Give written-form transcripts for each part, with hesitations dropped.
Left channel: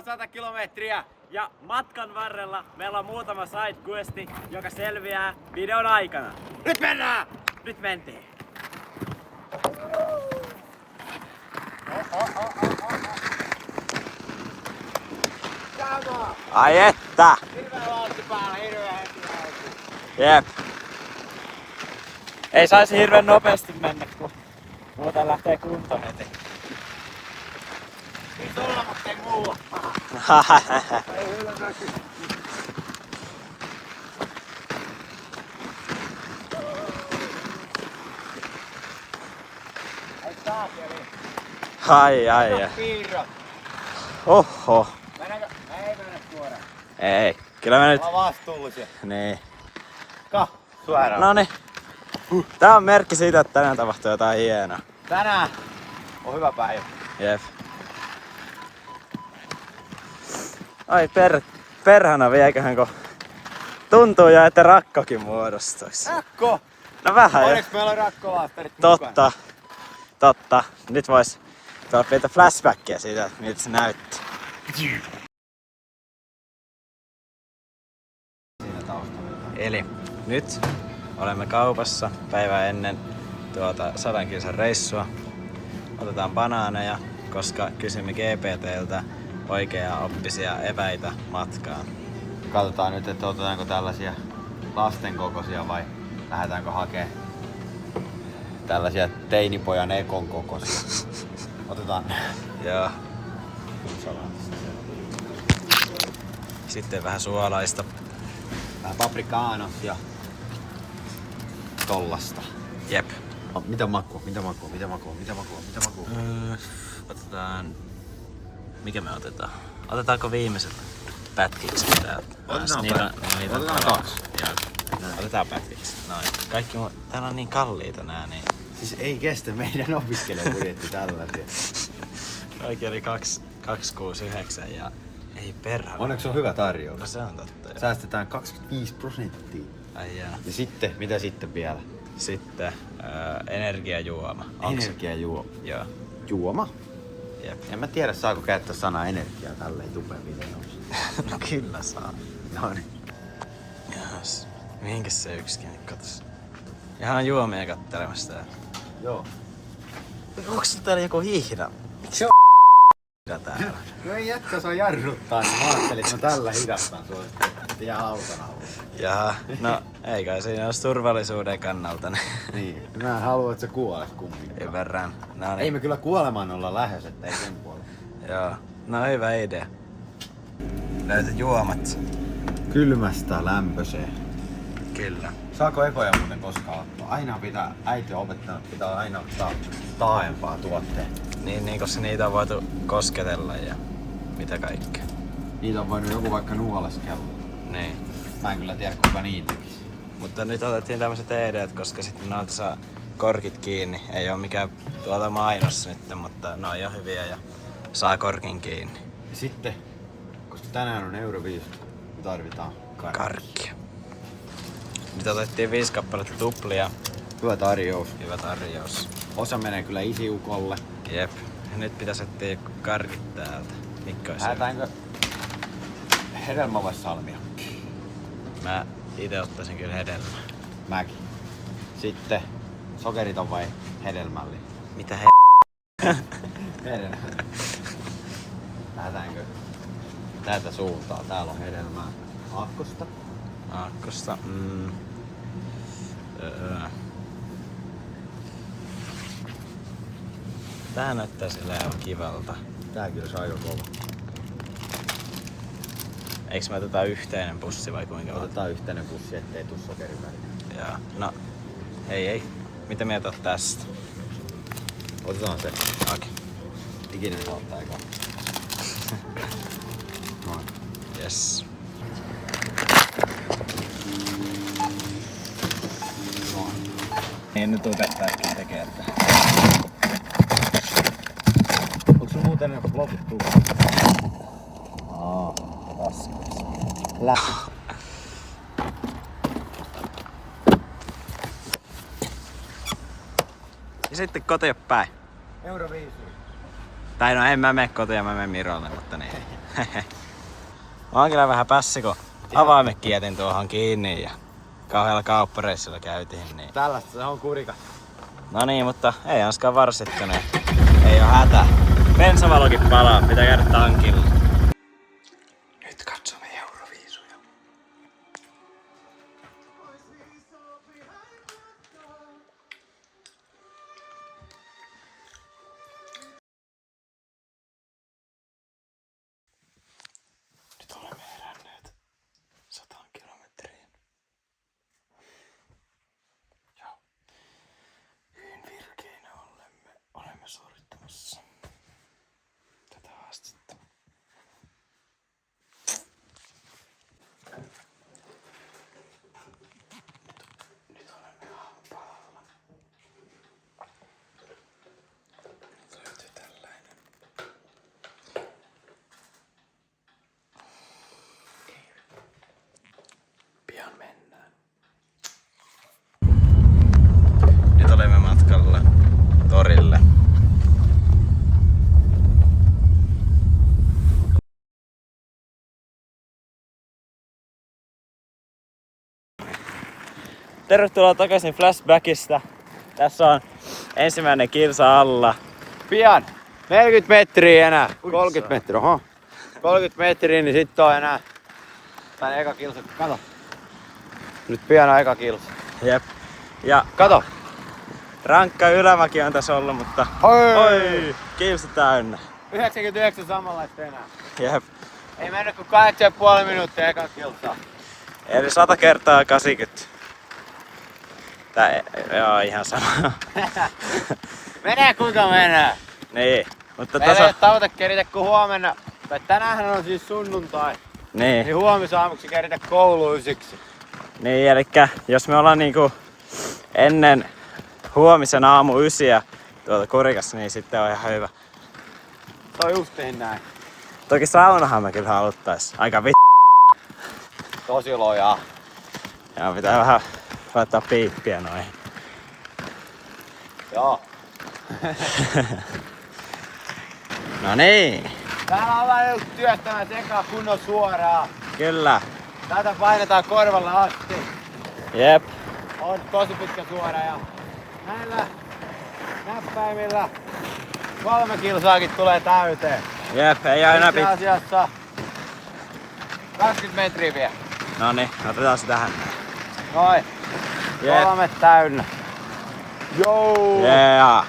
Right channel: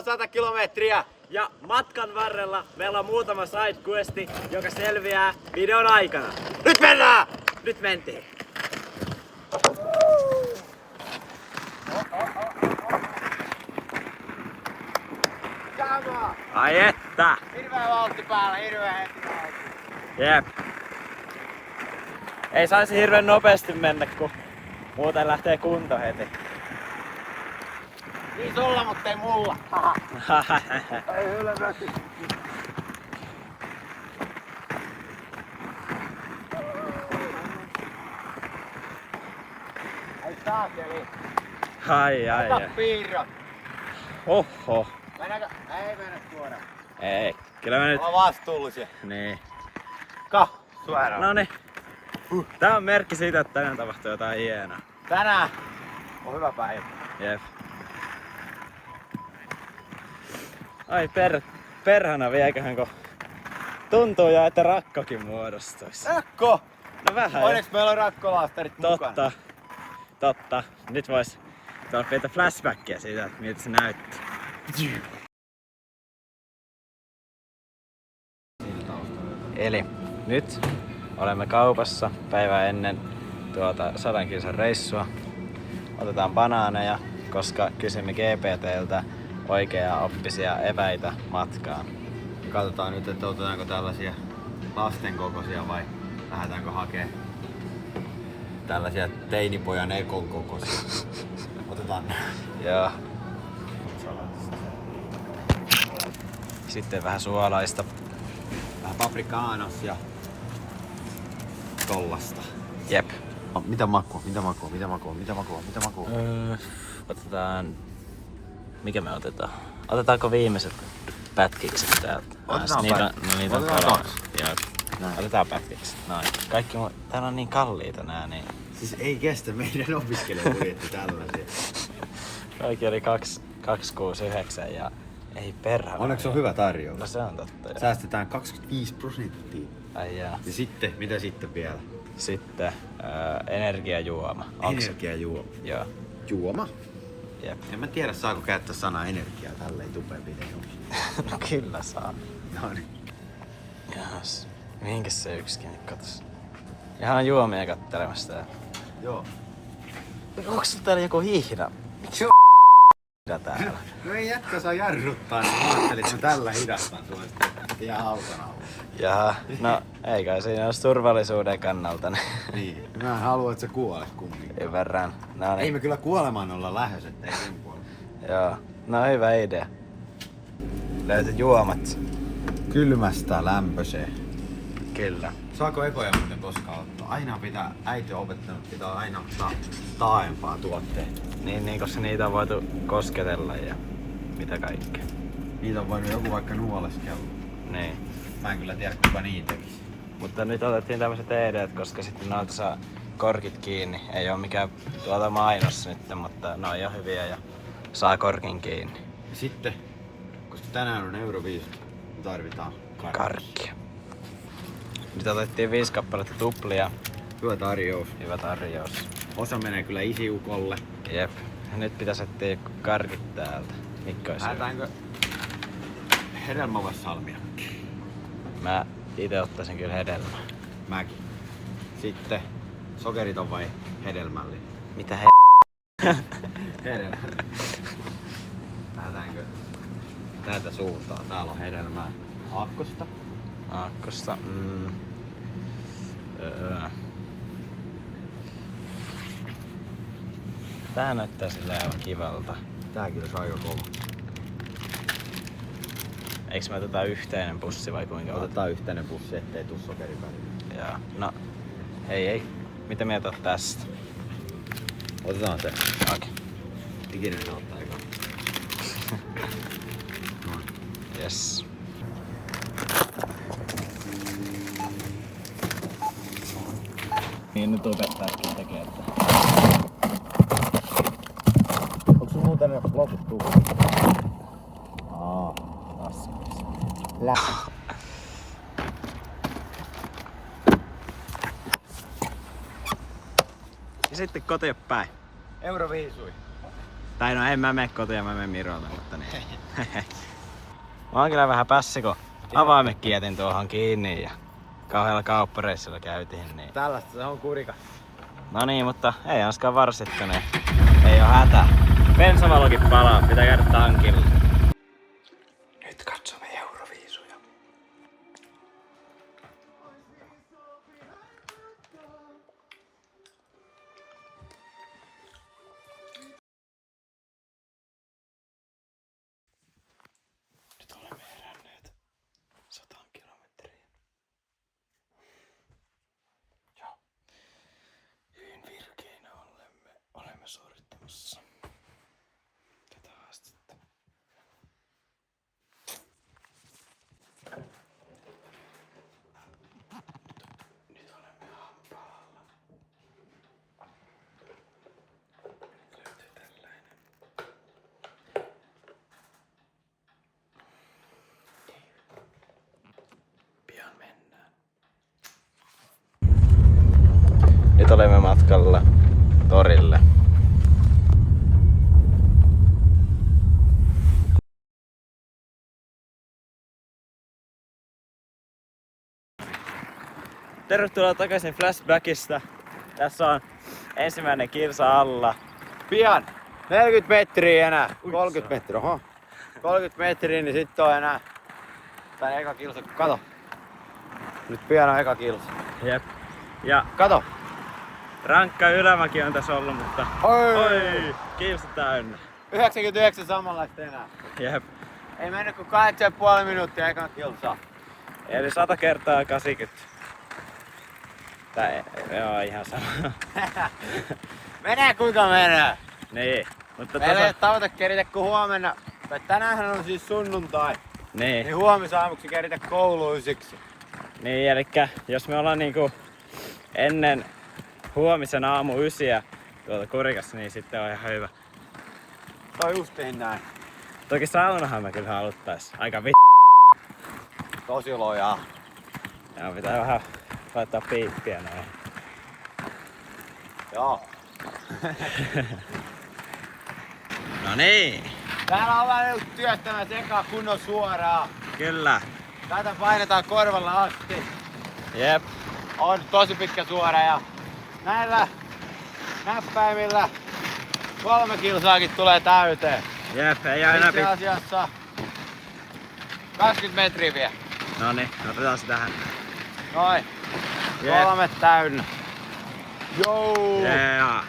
on 100 kilometriä. Ja matkan varrella meillä on muutama sidequesti, joka selviää videon aikana. Nyt mennään! Nyt mentiin. Ai että! Hirveä vauhti päällä, hirveä heti alkuun. Jep. Ei saisi hirveän nopeasti mennä, kun muuten lähtee kunto heti. Niin sulla, mutta ei mulla. Ei ylösmäki. Ai saakeli. Ai. Ota piirrot. Oho. Mennäänkö? Ei mennä suoraan. Ei. Kyllä mä nyt... Ollaan vastuullisia. Niin. Suoraan. Noniin. Tää on merkki siitä, että tänään tapahtuu jotain hienoa. Tänään on hyvä päivä. Jep. Ai perhana vieköhän, kun tuntuu jo, että rakkokin muodostuisi. Rakko! No vähän. Onneksi meillä on rakkolaastarit mukana. Totta. Nyt vois tuolla pientä flashbackia siitä, että miltä se näytti. Eli nyt olemme kaupassa päivää ennen tuota 100 kilsan reissua. Otetaan banaaneja, koska kysymme GPT:ltä oikeaa oppisia eväitä matkaan. Katsotaan nyt, että otetaanko tällaisia lasten kokoisia vai lähdetäänkö hakemaan tällaisia teinipojan ekon kokoisia. Otetaan ne. Joo. Sitten vähän suolaista. Vähän paprikaanos ja tollasta. Jep. Mitä makua? Otetaan... Mikä me otetaan? Otetaanko viimeiset pätkikset täältä? Otetaan Niitä on Otetaan 2. Joo. Otetaan pätkiksi. Noin. Kaikki täällä on niin kalliita nää, niin... Siis ei kestä meidän opiskelijabudjetti tällaisia. Kaikki oli 269 ja ei perhana. Onneksi on hyvä tarjous. No se on totta, joo. Säästetään 25%. Ai jaa. Ja sitten, mitä sitten vielä? Sitten energiajuoma. Energiajuoma. Joo. Juoma? Jep. En mä tiedä, saako käyttää sanaa energiaa tälleen tupeen videossa. No kyllä saa. No niin. Jahas. Mihinkäs se yksikin katos? Ihan juomia kattelemassa täällä. Joo. Onks täällä joku hiihda? Se on täällä? No ei jätkä saa jarruttaa, niin mä ajattelin, että mä tällä hidastan sua sitten ihan auton alla. Jaha, no ei kai siinä olisi turvallisuuden kannalta. Niin, mä en halua, että sä kuolet kumminkaan. Ymmärrän. No niin. Ei me kyllä kuolemaan olla lähes, että ei sen puolella. Joo, no hyvä idea. Löytyt juomat. Kylmästä lämpöiseen. Kyllä. Saako ekoja muuten koskaan ottaa? Aina pitää, äiti on opettanut, pitää aina ottaa taaempaa tuotteita. Niin, koska niitä on voitu kosketella ja mitä kaikkea. Niitä on voinut joku vaikka nuoleskella. Niin. Mä en kyllä tiedä, kuka niin tekisi. Mutta nyt otettiin tämmöiset ED, koska sitten noilta saa korkit kiinni. Ei oo mikään mainos nyt, mutta ne on jo hyviä ja saa korkin kiinni. Ja sitten, koska tänään on euro 50, me tarvitaan Karkkia. Nyt otettiin 5 kappaletta tuplia. Hyvä tarjous. Hyvä tarjous. Osa menee kyllä isiukolle. Jep. Ja nyt pitäisi etsiä karkit täältä. Mikko olisi Lähdetäänkö hedelmä vai salmiakki? Mä ite ottaisin kyllä hedelmää. Mäkin. Sitten sokeriton vai hedelmällinen? Mitä Hedelmä. Lähdetäänkö täältä suuntaan? Täällä on hedelmää. Aakkosta. Aakkosta. Tää näyttää sillä aivan kivalta. Tää kyllä saa jo kova. Eiks me oteta yhteinen pussi vai kuinka? Otetaan yhteinen pussi, ettei tuu sokerin väliin. Joo. No, ei. Mitä mieltä oot tästä? Otetaan se. Okei. Okay. Ikinä saa ottaa aikaa. Noin. Yes. Niin nyt opettajatkin tekee tätä. Onko sun muuten loput tukka? Raskas. Ja sitten kotiin päin. Euro viisui. Tai no en mä mene kotiin, mä menen Mirolle, mutta niin. Mä oon kyllä vähän pässi, kun avaimetkin jätin tuohon kiinni ja kauhealla kauppareissulla käytiin. Niin. Tällaista se on kurika. No niin, mutta ei anskaan varsittu, niin ei oo hätä. Bensavalokin palaa, pitää käydä tankilla. Nyt katsomme Euroviisuja. Nyt olemme heränneet 100 kilometriin. Ja hyvin virkeinä olemme suorittamassa tätä haastetta. Nyt olemme aamupalalla. Nyt löytyy tällainen. Pian mennään. Nyt olemme matkalla torille. Tervetuloa takaisin Flashbackista. Tässä on ensimmäinen kilsa alla. Pian! 40 metriä enää. 30 metriä, oho. 30 metriä, niin sitten on enää. Tää eka kilsa, kato. Nyt pian on eka kilsa. Jep. Ja Kato! rankka ylämäki on tässä ollut, mutta oi, kilsi täynnä. 99 samanlaista enää. Jep. Ei mennyt kuin 8,5 minuuttia ekan kilsaa. Eli 100 kertaa 80. Joo, ihan sama. Menee kuinka menee. Niin, mutta Meillä ei tässä... ole tavoite keritä kuin huomenna. Tai tänäänhän on siis sunnuntai. Niin Niin, huomisaamuksi keritä kouluun ysiksi. niin, elikkä jos me ollaan niinku ennen huomisen aamu 9 tuolta Kurikassa, niin sitten on ihan hyvä. Se on justiin näin. Toki saunahan me kyllä haluttais. Aika Tosi lojaa. Ja pitää vähän laittaa piippiä noin. Joo. No niin, Täällä on vähän just työttämät eka kunnon suoraan. kyllä. Tätä painetaan korvalla asti. Jep. On tosi pitkä suora ja näillä näppäimillä 3 kilsaakin tulee täyteen. Jep, ei aina Itse asiassa 20 metriä vielä. No niin, otetaan se tähän. Noin. Jep. 3 täynnä. Joo. Yeah.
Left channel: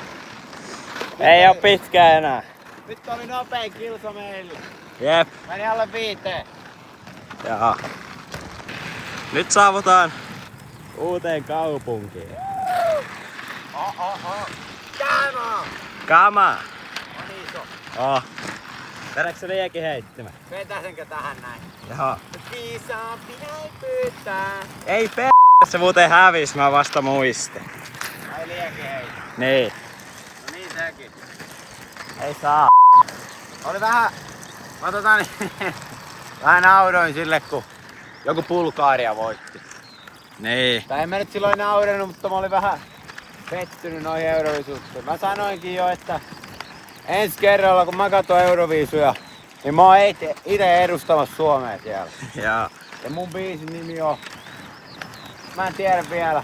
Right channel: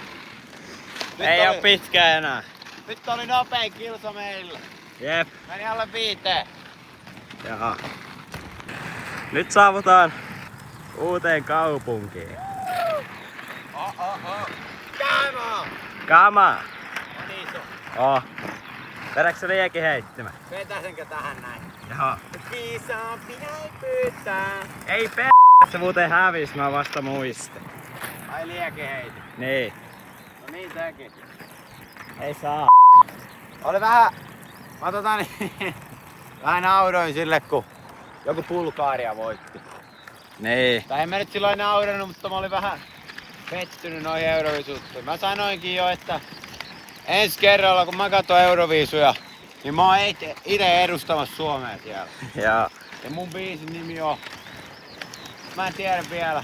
Ei oo pitkä enää. Nyt oli nopein kilsa meillä. Jep. Meni alle 5. Ja. Nyt saavutaan uuteen kaupunkiin. Käämä! Kama! On iso. Oh. Vedätkö se liekin heittämään? Vetäsenkö tähän näin? Joo. Viisaampi näin pyytää. Ei se muuten hävis, mä vasta muistin. Ai lieke heitä. Niin. No niin teki. Ei saa. Oli vähän... vähän nauroin sille, kun joku Bulgaria voitti. Niin. Tai en mä nyt silloin naurenut, mutta mä olin vähän pettynyt noihin Euroviisuihin. Mä sanoinkin jo, että ensi kerralla kun mä katson Euroviisuja, niin mä oon ite edustamassa Suomea siellä. Ja. Ja mun biisin nimi on... Mä en tiedä vielä.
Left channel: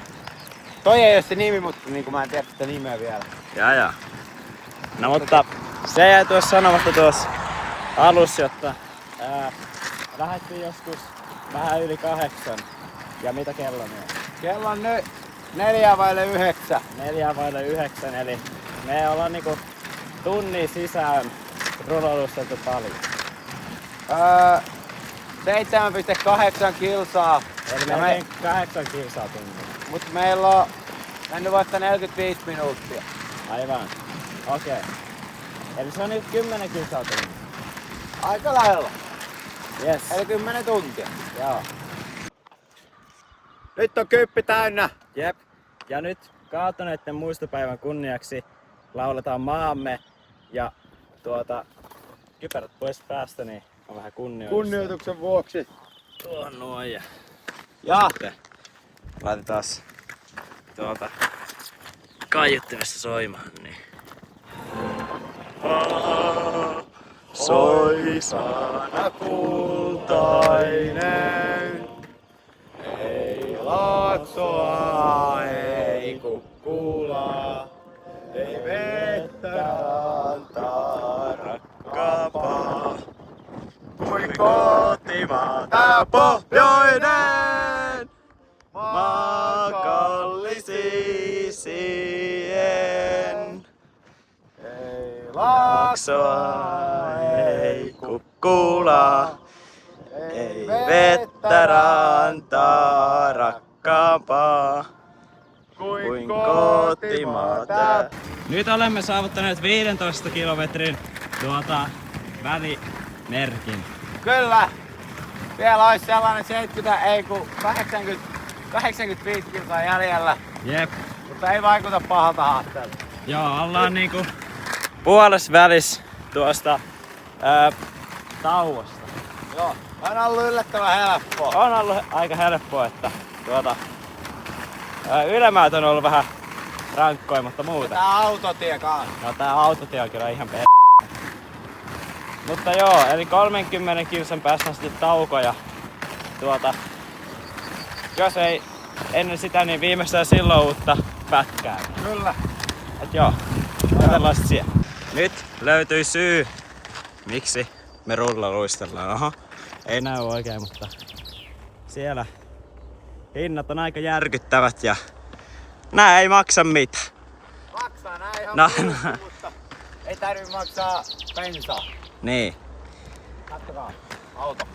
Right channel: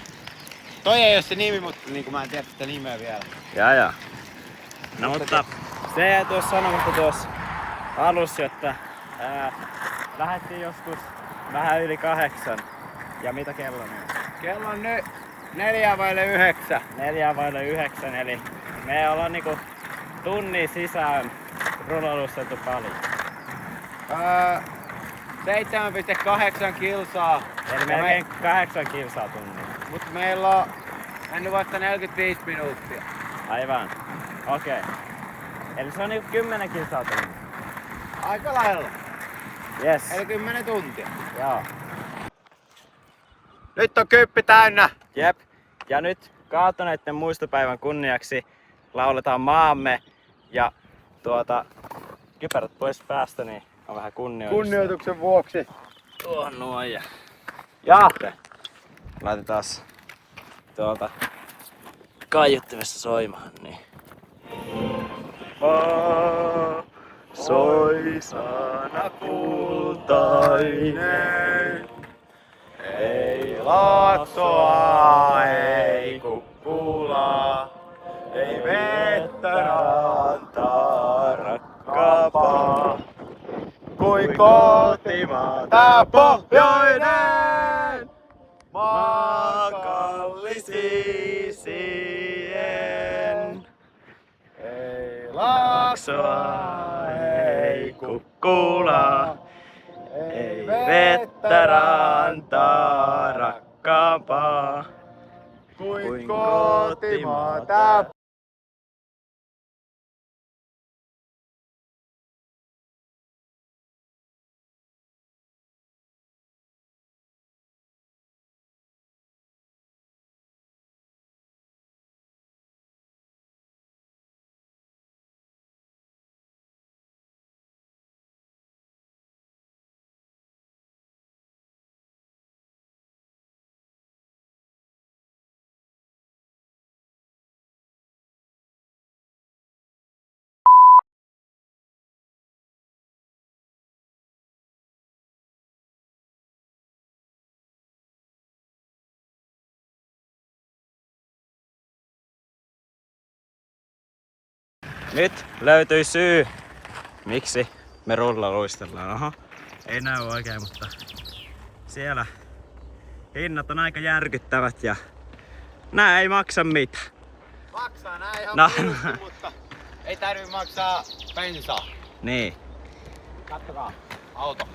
Toi ei oo se nimi, mutta niin mä en tiedä sitä nimeä vielä. Ja. No mutta se jäi tuossa sanomatta tuossa alussa, jotta lähdettiin joskus vähän yli 8. Ja mitä kello on? Kello on nyt 8:45. 8:45, eli me ollaan niinku tunnin sisään rullalusteltu paljon. 7,8 kilsaa. Eli melkein 8 kilsaa tunnilla. Mutta meillä on mennyt vasta 45 minuuttia. Aivan. Okei. Eli se on niinku 10 kilsaa tunnilla. Aika lailla. Yes. Eli 10 tuntia. Joo. Nyt on kyppi täynnä. Jep. Ja nyt kaatuneiden muistopäivän kunniaksi lauletaan maamme ja kypärät pois päästä, niin on vähän kunnioitusta. Kunnioituksen vuoksi. Tuohon noin ja sitten laitetaan kaiuttimessa soimaan, niin. soi sana kultainen. Ei Laaksoa, ei Kuppulaa, ei vettä rantaa rakkaapaa. Kuin kotimaa tää pohjoinen, maa kallisisien. Ei Laaksoa, ei Kukkulaa, ei vettä rantaa rakkaampaa kuin kotimaa tää. Nyt olemme saavuttaneet 15 kilometrin välimerkin. Kyllä. Vielä olisi sellainen 85 kilsaa jäljellä, Jep. mutta ei vaikuta pahalta haasteelta. Joo, ollaan niinku puolessa välissä tuosta tauosta. Joo, on ollut yllättävän helppoa. On ollut aika helppoa, että ylämäät on ollut vähän rankkoja, mutta muuten. Tää autotie kanssa. No tää autotie on kyllä ihan Mutta joo, eli 30 kilsan päästä on sitten tauko ja jos ei ennen sitä, niin viimeistään silloin uutta pätkää. Kyllä. Et joo, katsellaan sit siellä. Nyt löytyi syy, miksi me rullaluistellaan. Oho, ei näy oikein, mutta siellä hinnat on aika järkyttävät ja nää ei maksa mitään. Maksaa nää ihan No. mutta ei tarvii maksaa bensaa. Niin. Kattokaa, auto.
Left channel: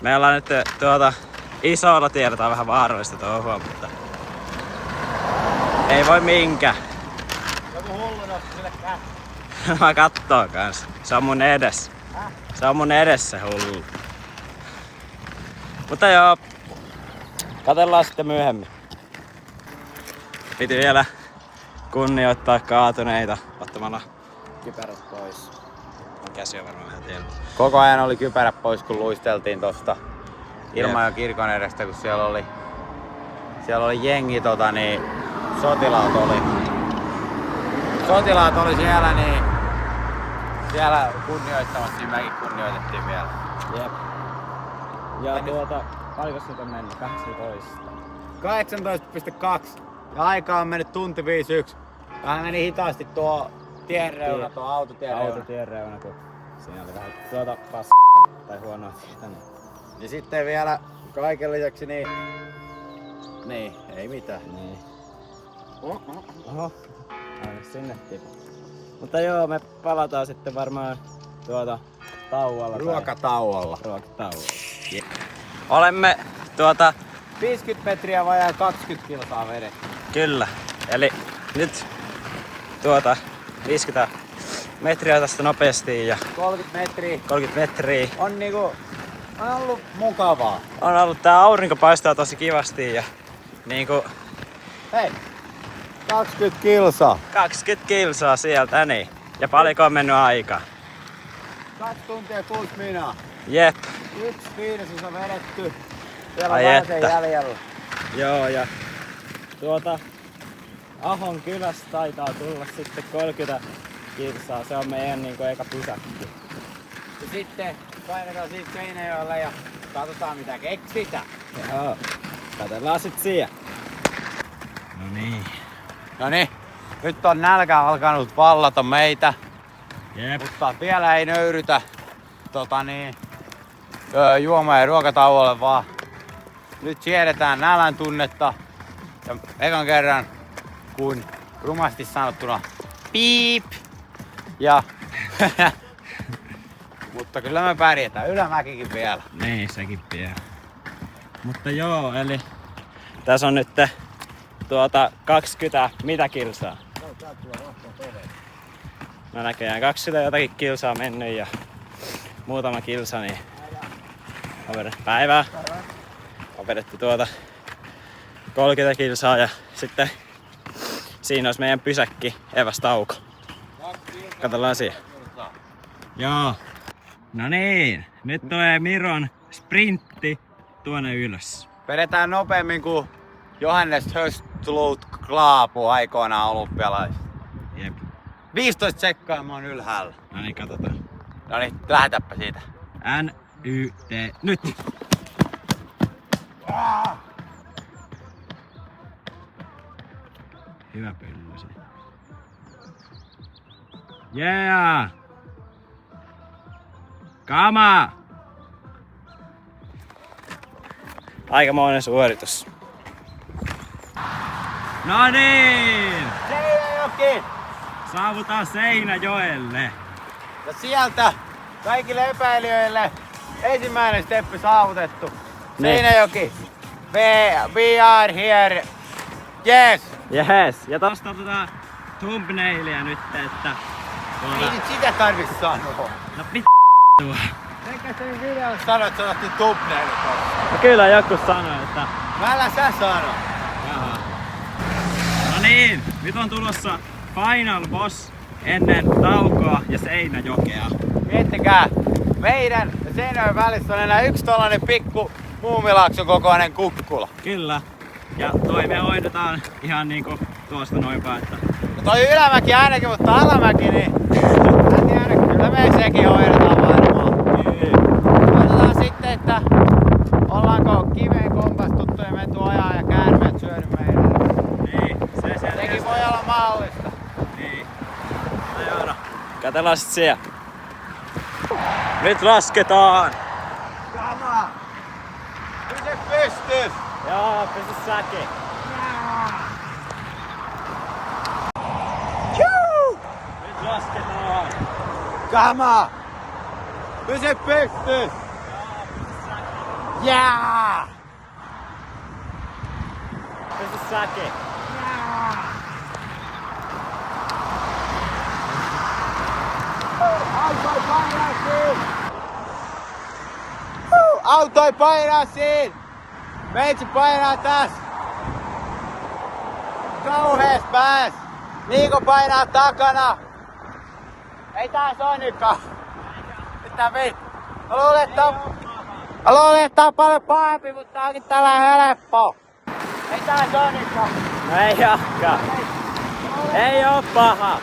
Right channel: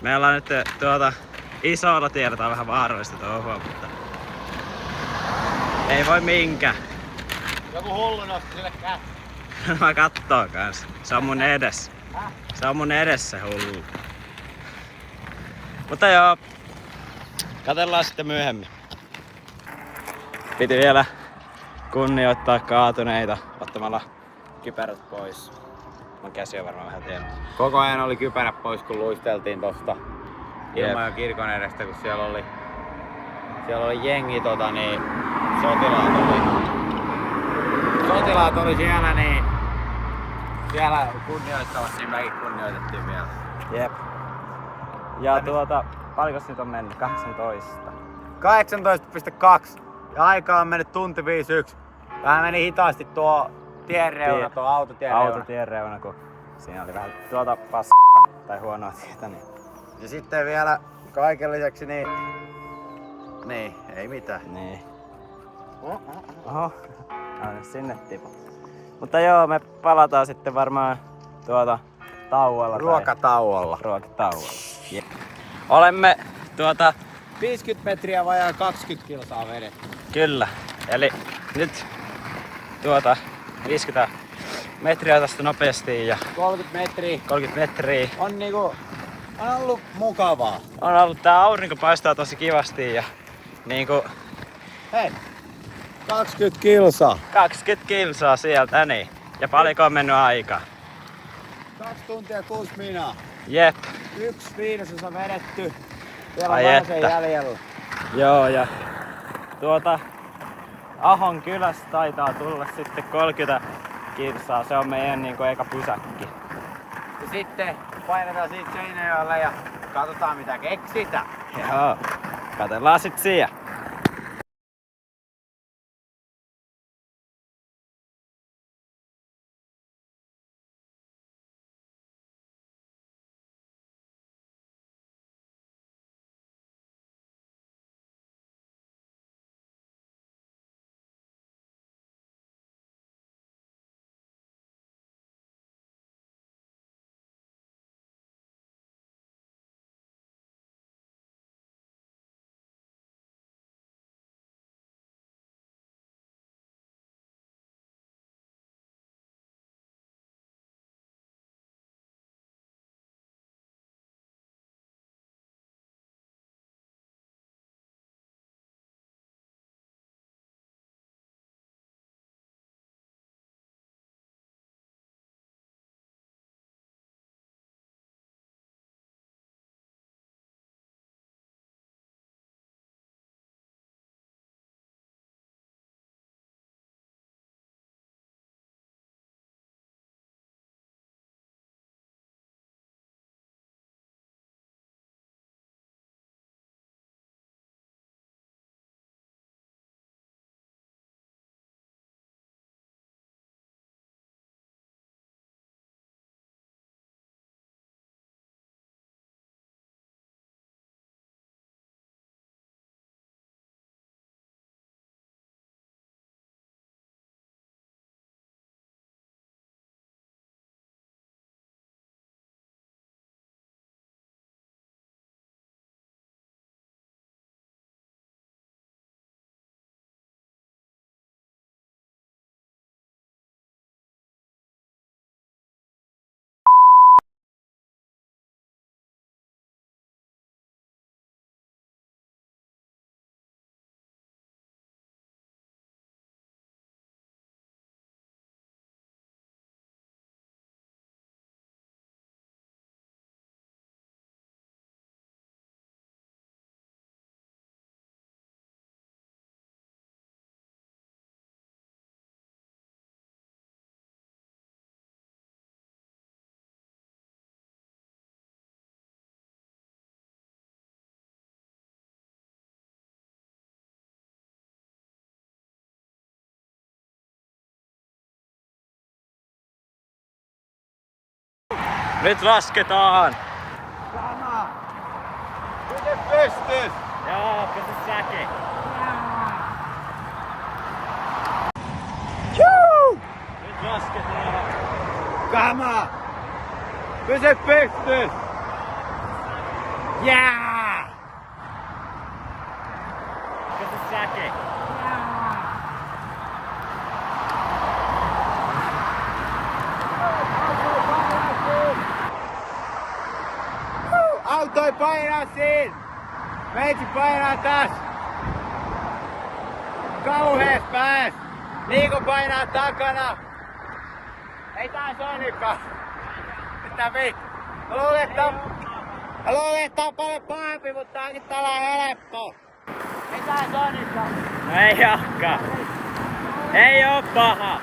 Me ollaan nyt isolla tiellä, tää on vähän vaarallista touhua, mutta ei voi minkä. Joku hullu nosti sille kättä. Mä kattoo kans. Se on mun edessä. Se on mun edessä hullu. Mutta joo, katsellaan sitten myöhemmin. Piti vielä kunnioittaa kaatuneita ottamalla kypärät pois. Käsi on varmaan vähän tiellä. Koko ajan oli kypärät pois, kun luisteltiin tosta Jep. Ilmajoen kirkon edestä, kun siellä oli jengi sotilaat oli siellä, niin siellä kunnioittavasti, niin mekin kunnioitettiin vielä. Jep. Ja paljonko nyt on mennyt? 18. 18,2 ja aika on mennyt tunti 51. Vähän meni hitaasti tuo tien reuna, tuo autotien reuna. Autotien reuna, kun siinä oli vähän tai huonoa tietä. Niin. Ja sitten vielä kaiken lisäksi niin ei mitään. Niin. Oho. Aina sinne tipu. Mutta joo, me palataan sitten varmaan tauolla. Ruokatauolla. Ruokatauolla. Yeah. Olemme 50 metriä vajaa 20 kilsaa vedetty. Kyllä. Eli nyt 50 metriä tästä nopeasti ja 30 metriä. On ollut mukavaa. On ollut, tää aurinko paistaa tosi kivasti ja niinku Hei, 20 kilsaa. 20 kilsaa sieltä niin. Ja paljonko on mennyt aikaa? 2 tuntia 6 minaa. Jep. 1/5 vedetty. Siellä Ai on että. jäljellä. Joo ja Ahon kylästä taitaa tulla sitten 30 kilsaa. Se on meidän niinku eka pysäkki. Ja sitten painetaan siitä Seinäjoelle ja katsotaan mitä keksitään. Joo. Katellaan sit siellä. Noniin, nyt on nälkä alkanut vallata meitä. Jep. Mutta vielä ei nöyrytä juoma- ja ruokatauolle, vaan nyt siedetään nälän tunnetta. Ja ekan kerran, kun rumasti sanottuna piip. Ja mutta kyllä me pärjätään, ylämäkikin vielä. Niin, sekin vielä. Mutta joo, eli tässä on nyt 20 mitä kilsaa? No näköjään 20 jotakin kilsaa mennyt ja muutama kilsa, niin on vedetty päivää. On vedetty 30 kilsaa ja sitten siinä olisi meidän pysäkki evästauko. Katsellaan siihen. Joo. No niin, nyt tulee Miron sprintti tuonne ylös. Vedetään nopeammin kuin Johannes Höstlut Klaapu aikoinaan olympialaisissa. Jep. 15 sekkaa mä oon ylhäällä. No niin, katsotaan. Noniin, lähetäpä siitä. N-Y-T. Nyt! Hyvä pyllysi. Yeah! Kama! Aikamoinen suoritus. No niin! Seinäjoki! Saavutaan Seinäjoelle. Ja sieltä kaikille epäilijöille ensimmäinen steppi saavutettu. Seinäjoki. We are here. Yes! Yes. Ja tosta otetaan thumbnailia nyt, että... Ei nyt sitä tarvitsi sanoa. No Eikä sen videolla sano, että se otti thumbnailit. No kyllä joku sanoi, että... Älä sä sano. Jaha. No niin, nyt on tulossa Final Boss ennen taukoa ja Seinäjokea. Miettikää, meidän ja Seinäjoen välissä on enää yksi tollanen pikku Muumilaakson kokoinen kukkula. Kyllä. Ja toi me hoidetaan ihan niinku tuosta noinpä, että... No toi ylämäki ainakin, mutta alamäki niin... En tiedä, kyllä me sekin hoidetaan varmaan. Katsotaan sitten, että ollaanko kiveen kompastuttu ja menty ajaa ja käärmeet syönyt meidän. Niin, Sekin voi olla mahdollista. Niin. No. Katsellaan sit siellä. Nyt lasketaan! Kama! Pysy pystyys! Joo, pysy säkin. Nyt lasketaan! Kama! Pysy pystyys! Jää! Pysy säkin. Autoi painaa siinä! Autoi painaa siinä! Meitsi painaa täs! Kauhees pääs! Niiko painaa takana! Ei taas oo nytkään! Mitä vittu? Mä luulen, että on paljon pahempi, mutta tää onkin tällainen helppo! Ei taas oo nytkään! No ei jahka. Ei oo paha.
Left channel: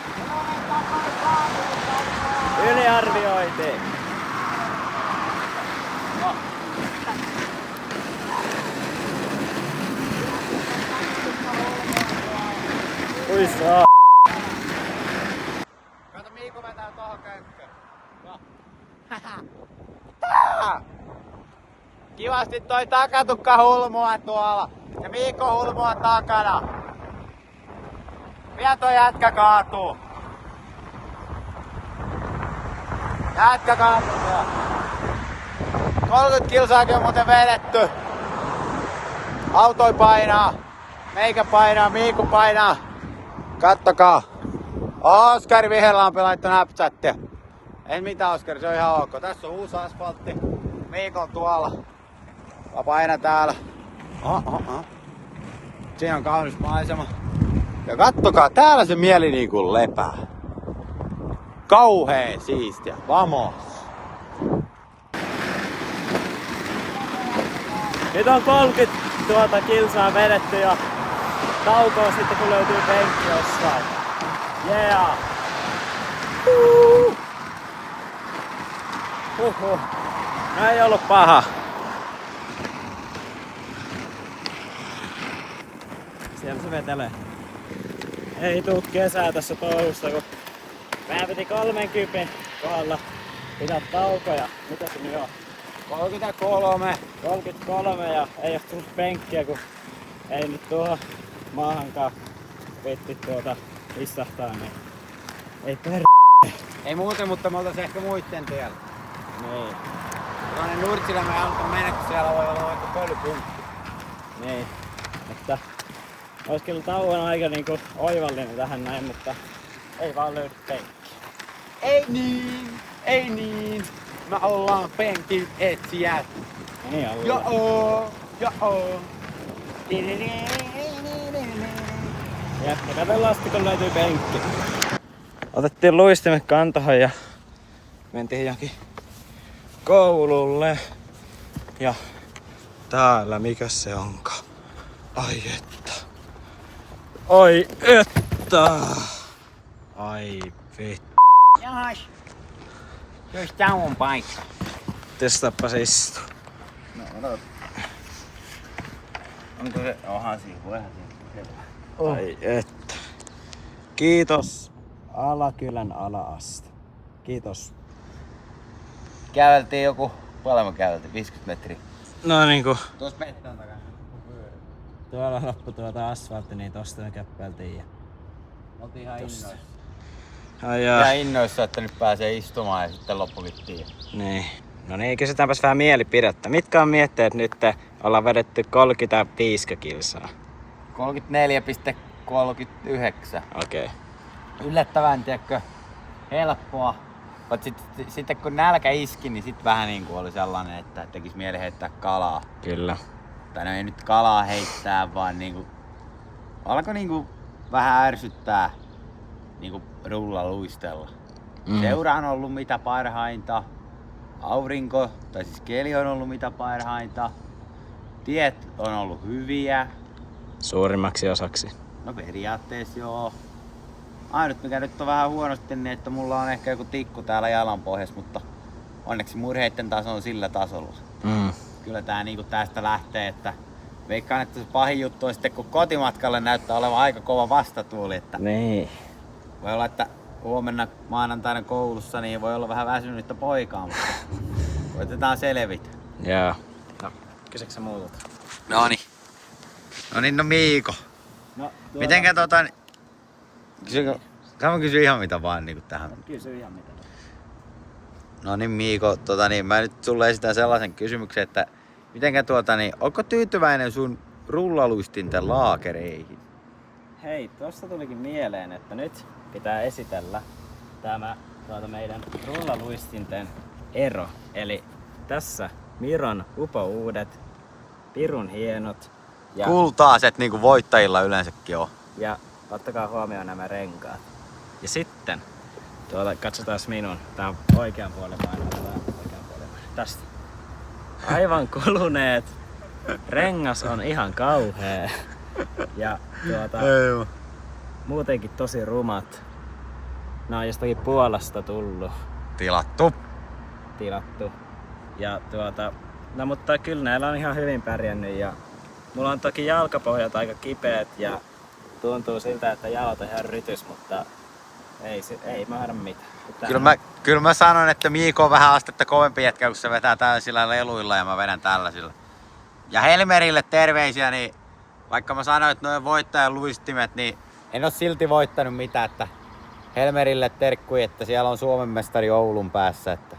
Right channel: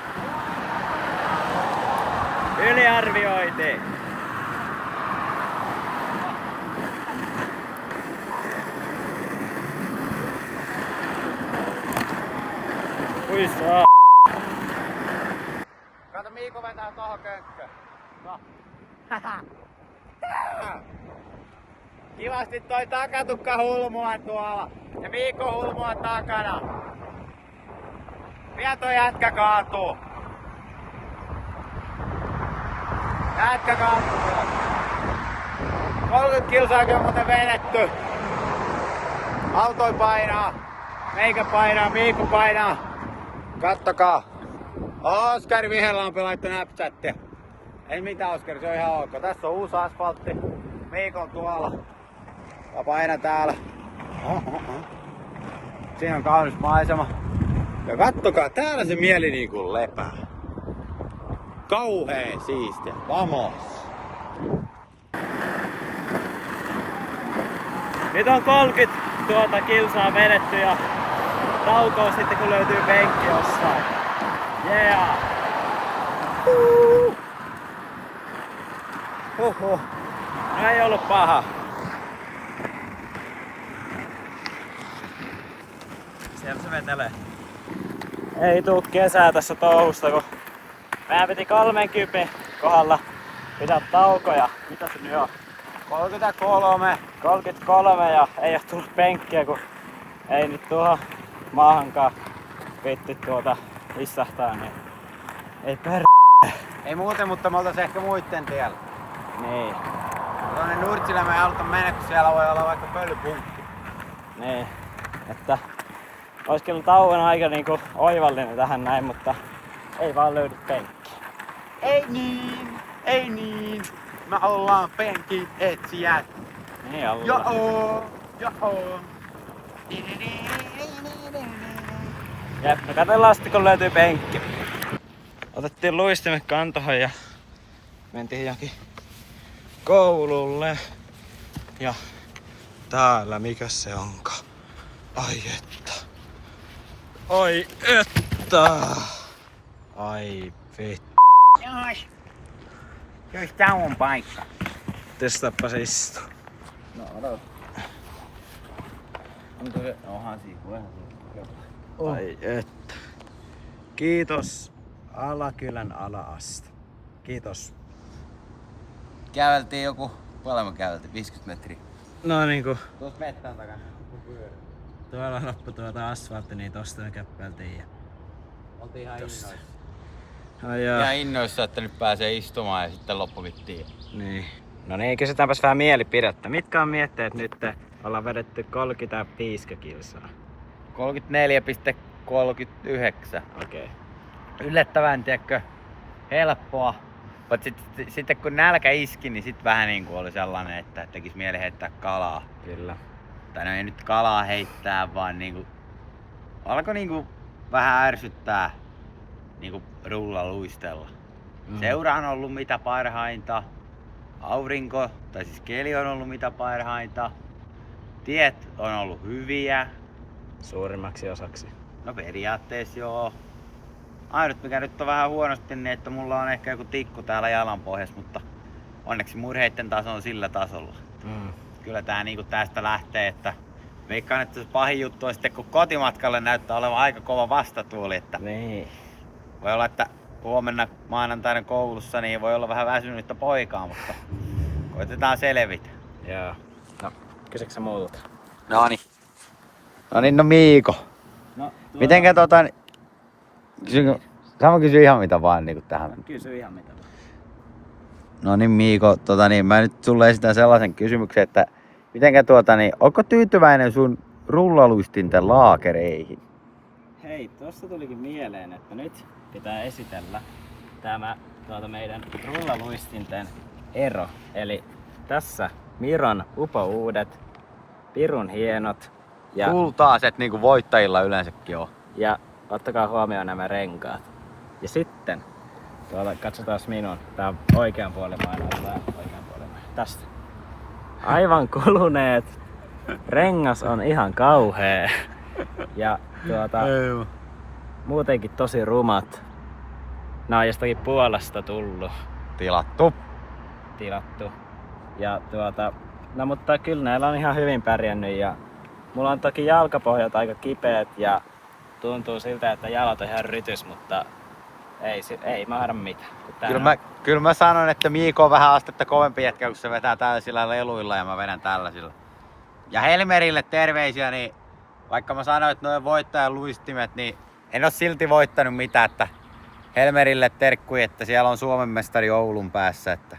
Yliarvioitiin. Ui saa. Kato Miiku vetää tuohon könkköön. No. Kivasti toi takatukka hulmua tuolla. Ja Miikko hulmua takana. Pian toi jätkä kaatuu. Jätkä kaatuu tuolla. 30 kilsaakin on muuten vedetty. Autoi painaa. Meikä painaa, Miikku painaa. Kattokaa. Oskar Viherlampi laittoi Snapchattia. Ei mitään Oskar, se on ihan ok. Tässä on uusi asfaltti. Miikko on tuolla. Ja paina täällä. Siinä on kaunis maisema. Ja kattokaa, täällä se mieli niinku lepää. Kauheen siistiä. Vamos. Nyt on 30 kilsaa vedetty ja taukoa sitten kun löytyy penkki jossain. Yeah! No ei ollut paha. Siellä se vetelee. Ei tuu kesää tässä touhusta, kun meidän piti 30 kohdalla pitää taukoja. Mitä se nyt on? 33 ja ei oo tullut penkkiä, kun ei nyt tuohon maahankaan vitti istahtaa, niin ei Ei muuten, mutta me oltais ehkä muitten tiellä. Niin, Tuonne Nurtsilämme ei haluta mennä, kun siellä voi olla vaikka pölypunkki. niin. Että ois kyllä tauon aika niinku oivallinen tähän näin, mutta ei vaan löydy penkkiä. Ei niin, ei niin. Me ollaan penkin etsijät. Niin ollaan. Joo, joo. Jep, no katsellaan sitten kun löytyy penkki. Otettiin luistimet kantoon ja mentiin johonkin koululle. Ja täällä mikä se onkaan? Ai että. Ai että. Ai vittu. Jaas. Jos tää on paikka. Testaappa se istuu. No odota. Onko se? Onhan siinä, voihan siinä. Ai että. Kiitos Alakylän ala-aste. Kiitos. Käveltiin joku, paljon me käveltiin? 50 metriä. No niinku. Tuossa mettän takana. Tuolla loppu tuota asfaltti, niin tosta me käppeltiin ja... Oltiin ihan innoissa. Ai jaa. Ihan innoissa, että nyt pääsee istumaan ja sitten loppuvittiin. Niin. No niin, kysytäänpäs vähän mielipidettä. Mitkä on mietteet nyt? Ollaan vedetty 35 kilsaa. 34,39. Okei. Yllättävän, tiedätkö, helppoa. Mutta sitten kun nälkä iski, niin sitten vähän niinku oli sellainen, että tekis mieli heittää kalaa. Kyllä. Tai no ei nyt kalaa heittää, vaan niinku alkoi niinku vähän ärsyttää niinku rullaluistella. Seura on ollut mitä parhainta. Aurinko, tai siis keli on ollut mitä parhainta. Tiet on ollut hyviä. Suurimmaksi osaksi. No periaatteessa joo. Ainut mikä nyt on vähän huonosti, niin että mulla on ehkä joku tikku täällä jalan pohjassa, mutta onneksi murheitten taso on sillä tasolla. Kyllä tää niinku tästä lähtee, että veikkaan, että se pahin juttu on sitten, kun kotimatkalle näyttää olevan aika kova vastatuuli, että Niin. voi olla, että huomenna maanantaina koulussa niin voi olla vähän väsynyttä poikaa, mutta koitetaan selvitä. Joo. No, kysyksä sä muutut? Noniin. No Miiko. No, Mitenkä Sama kysy ihan mitä vaan niinku tähän mennä. Kysy ihan mitä. No niin Miiko, mä nyt sulle esitän sellaisen kysymyksen, että mitenkä onko tyytyväinen sun rullaluistinten laakereihin? Hei, tuossa tulikin mieleen, että nyt pitää esitellä tämä meidän rullaluistinten ero. Eli tässä Miron upouudet, pirun hienot ja, Kultaiset niinku voittajilla yleensäkin on. ja ottakaa huomioon nämä renkaat. Ja sitten katsotaan minun. Tää on oikean puolen oikean puolen. Tästä. Aivan kuluneet. Rengas on ihan kauhea. Ja muutenkin tosi rumat. Nää on jostakin Puolasta tullut. Tilattu. Ja no mutta kyllä näillä on ihan hyvin pärjännyt ja mulla on toki jalkapohjat aika kipeät ja tuntuu siltä, että jalat on ihan rytys, mutta ei mahda mitään. Kyllä mä sanon, että Miiko on vähän astetta kovempi jätkä, kun se vetää tällaisilla leluilla ja mä vedän tällaisilla. Ja Helmerille terveisiä, niin vaikka mä sanoin, että noin voittajan luistimet, niin en oo silti voittanut mitään, että Helmerille terkkui, että siellä on Suomen mestari Oulun päässä, että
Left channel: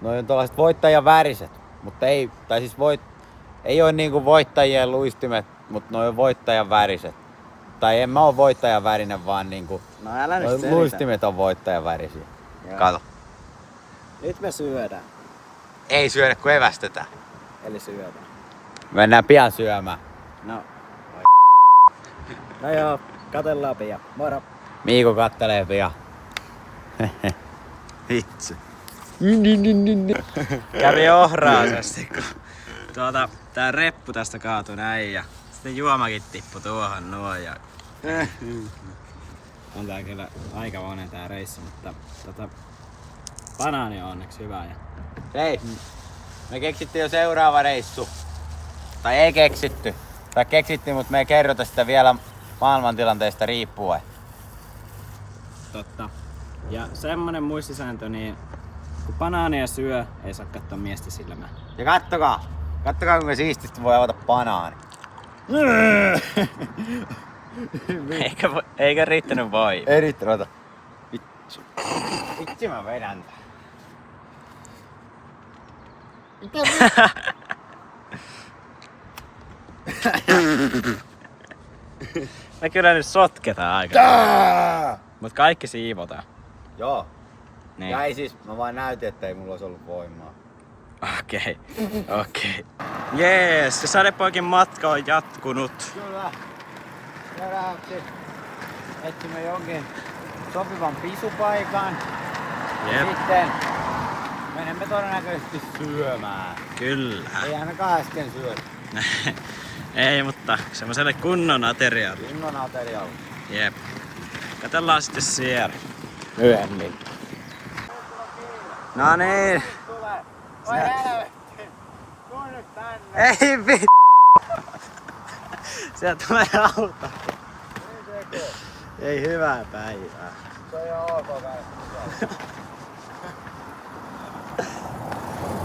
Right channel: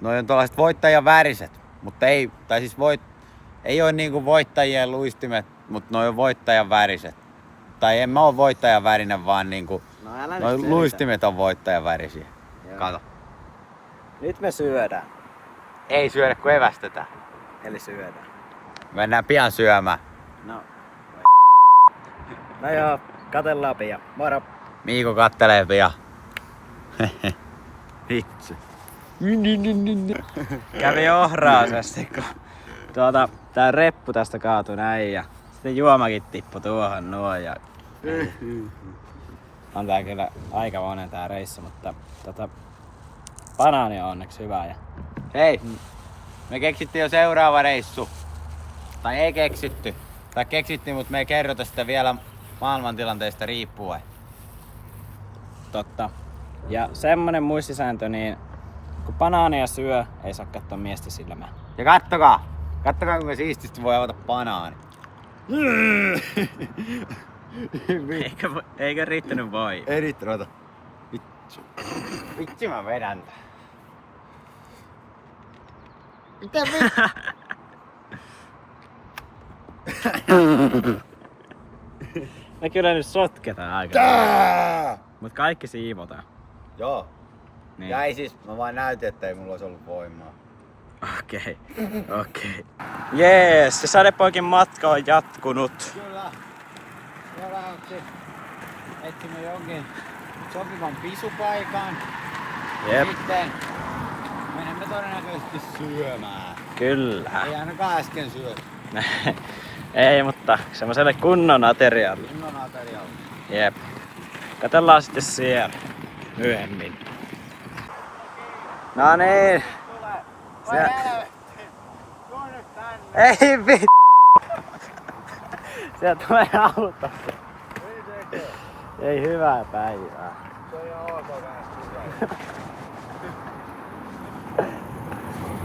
noin on tuollaiset voittajan väriset, mutta ei oo niinku voittajien luistimet, mutta noin on voittajan väriset. Tai en mä oo voittajan värinen, vaan niinku noin luistimet on voittajan värisiä. Kato. Nyt me syödään. Ei syödä, kun evästetään. Eli syödään. Mennään pian syömään. No joo, katellaan pian. Moro! Miiko kattelee pian. Vitsi. Kävi ohraasesti, kun tää reppu tästä kaatui näin ja sitten juomakin tippui tuohon noin ja on tää kyllä aika monen tää reissu, mutta banaani on onneksi hyvä ja Hei, me keksittiin jo seuraava reissu. Tai ei keksitty. Tai keksittiin, mutta me ei kerrota sitä vielä maailmantilanteesta riippuen. totta. Ja semmonen muistisääntö, niin kun banaania syö, ei saa katsoa miestä silmään. Ja kattokaa kuinka siististi voi avata banaani. Eikä riittänyt voi. Ei riittänyt, ota. Vitsi mä vedän tää. Mitä Me kyllä nyt sotketaan aika. Mut kaikki siivotaan. Joo. Niin. Ja ei siis, mä vaan näytin, että ei mulla olisi ollut voimaa. Okei. Jees, se sadepoikin matka on jatkunut. Kyllä. Seuraavaksi etsimme jonkin sopivan pisupaikan. Jep. Sitten menemme todennäköisesti syömään. Kyllä. Ei ainakaan äsken syödä. Ei, mutta semmoselle kunnon aterialle. Kunnon aterialle. Jep. Katsellaan sitten siellä myöhemmin. No niin. Tulee. Oi helvetti. Tuu nyt tänne. Ei vittu. Sieltä tulee auto. Ei tekee. Ei hyvää päivää. Se on ihan ok kai.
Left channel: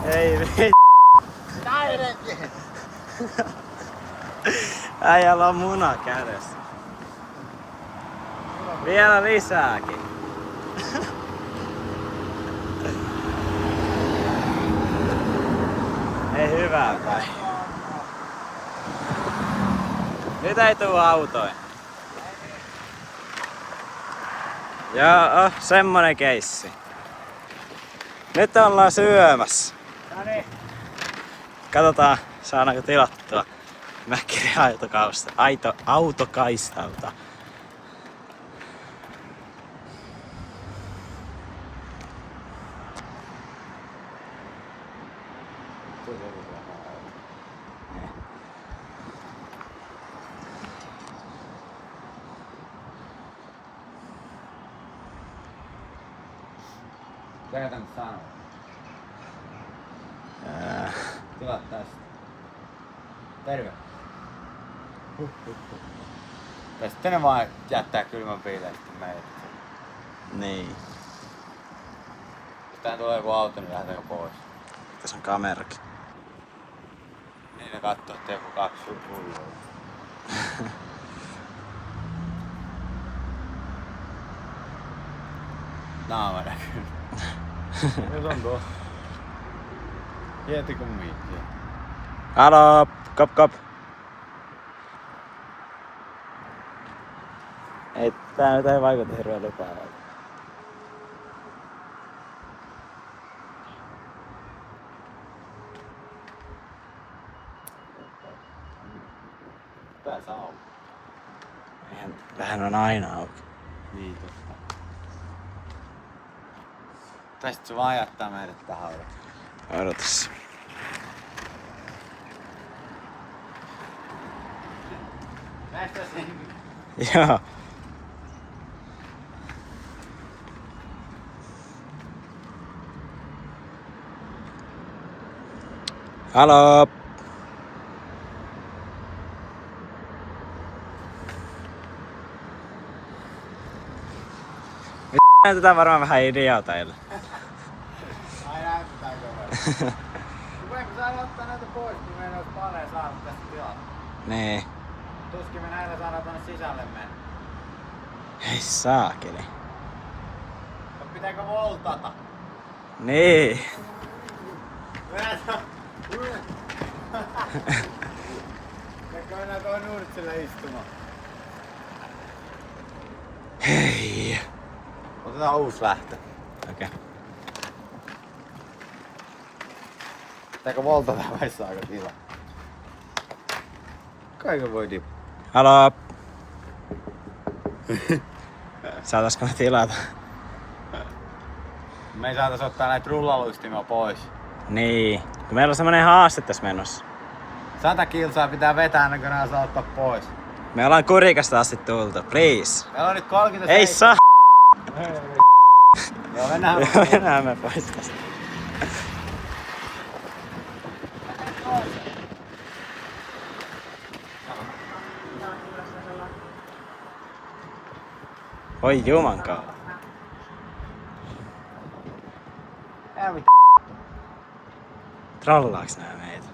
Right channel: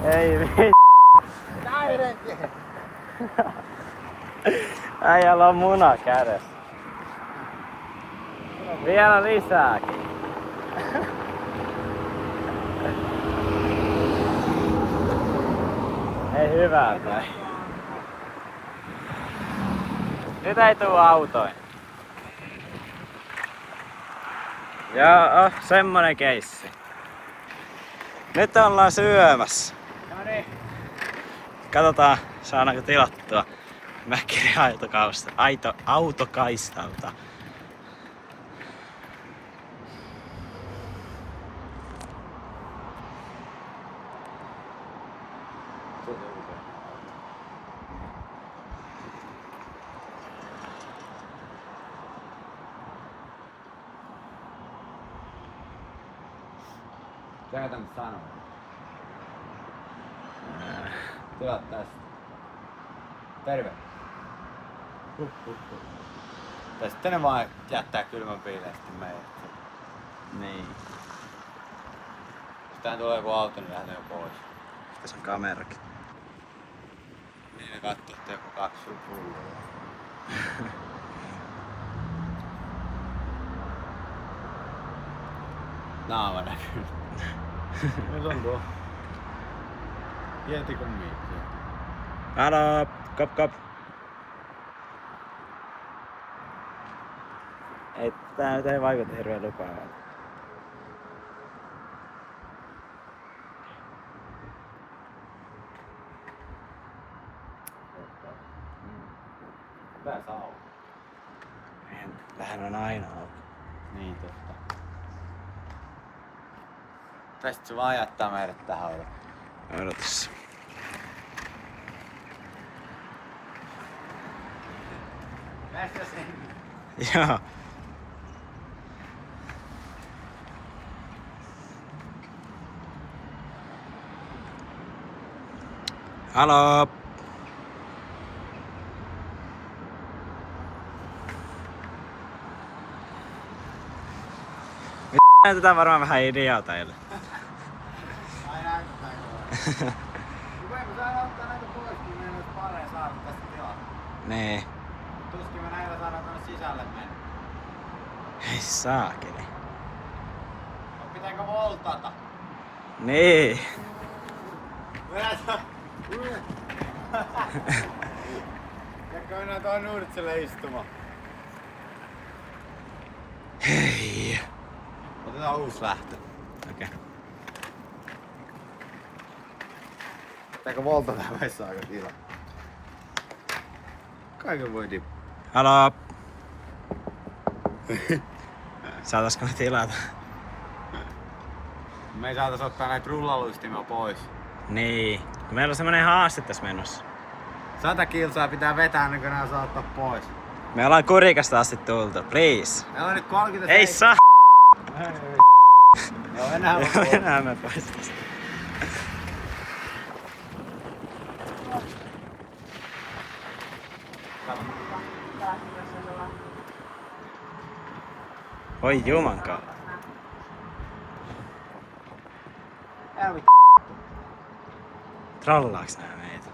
Ei vittu. Näidenkin. Äijällä on muna kädessä. Vielä lisääkin. Ei hyvää päivää. Nyt ei tuu autoin. Joo, semmonen keissi. Nyt ollaan syömässä. Noniin. Katsotaan, saadaanko tilattua Mäkkärin autokaistalta. Mitä tän sanoo? Tilat tästä. Terve. Tai sitten ne vaan jättää kylmän piileen sitten meidät. Niin. Jos tähän tulee joku auto, niin lähdetäänkö pois? Tässä on kamerakin. Niin ne kattoo, että joku 2 hullua. Naama näkyy. Nyt on tuo. Tietikö miettiä? Halo, kop. Ei, tää nyt ei vaikuta hirveen lupaavalta. Pääs auki. Vähän on aina auki. Niin totta. Tästä se vaan jättää meidät tähän. Odotas. Näistä sinne. Joo. Halo. Näytetään varmaan vähän idioteille. Ai näin pitääkö olla? Kun saada ottaa näitä pois, niin meillä olisi paljon saada tästä tilaa. Nee. Tuskin me näillä saadaan tonne sisälle mennä. Ei saakeli. Mut pitääkö voltata? Niin. Pitääkö mennä tuohon nurtsille istumaan? Hei. Otetaan uusi lähtö. Okei. Pitääkö voltata vai saako tilaa? Kaiken voi tippua. Halo. Saataisko me tilata? Me ei saatais ottaa näitä rullaluistimia pois. Niin. Kun meillä on semmonen haaste tässä menossa. 100 kilsaa pitää vetää ennen kuin nää saa ottaa pois. Me ollaan Kurikasta asti tultu. Please. Meillä on nyt 37. Ei saa. Hei. Joo, mennään Joo, pois. mennään me pois tästä. Oi jumankaan. Älä mit... Trollaaks nää meitä?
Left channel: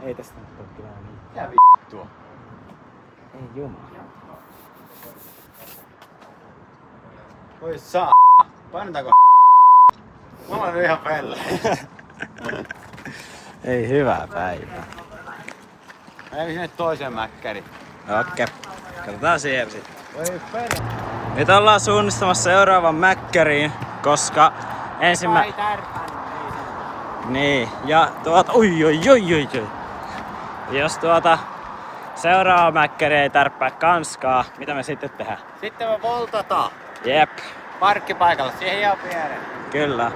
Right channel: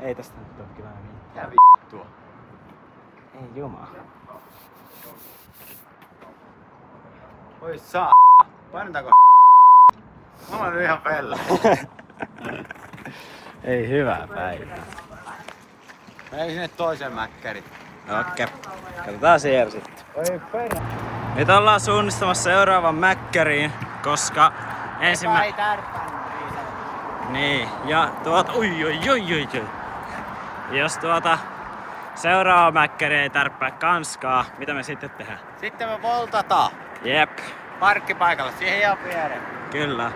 Ei tästä nyt oo kyllä mitään. Mitä vittua? Ei jumala. Oi saa. Painetaanko Mä olen ihan pelle. Ei hyvää päivää. Mä sinne toiseen mäkkäriin. Okei. Katsotaan siellä sitten. Nyt ollaan suunnistamassa seuraavan mäkkäriin, koska Ei tärpännyt niin sanotusti. Niin, ja oi. Jos seuraava mäkkäri ei tärppää kanskaa, mitä me sitten tehdään? Sitten me voltataan Jep, parkkipaikalle, siihen ihan viereen. kyllä.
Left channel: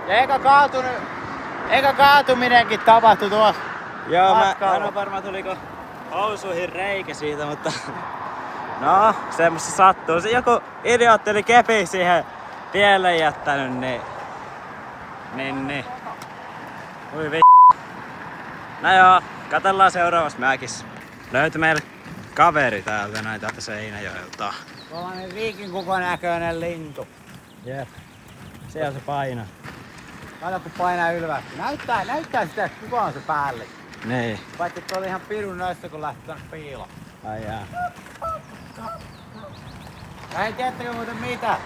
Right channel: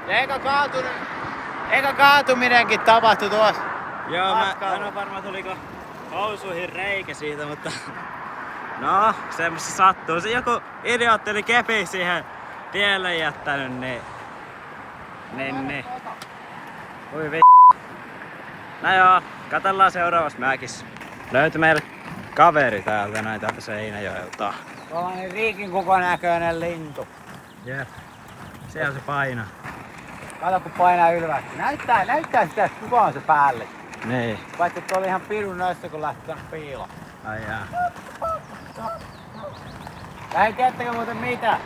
Eikä kaatuminenkin tapahtui tuossa. Joo, mä Matkalla. en oo varma tuliko housuihin reikä siitä, mutta no, semmoista sattuu. Se joku idiootti oli kepi siihen tielle jättänyt, niin. Ui No joo, katsellaan seuraavassa mäkissä. Löytyi meille kaveri täältä näin täältä Seinäjoelta. Tuollainen riikin kokonäköinen lintu. Jep. Siellä se painaa. Kato kun painaa ylvästi. Näyttää sitä, että kuka on se päälle. Niin. Vaikka tuo oli ihan pirun näistä kun lähti tänne piiloon. Ai jaa. Ja ei tiedättekö muuten mitä?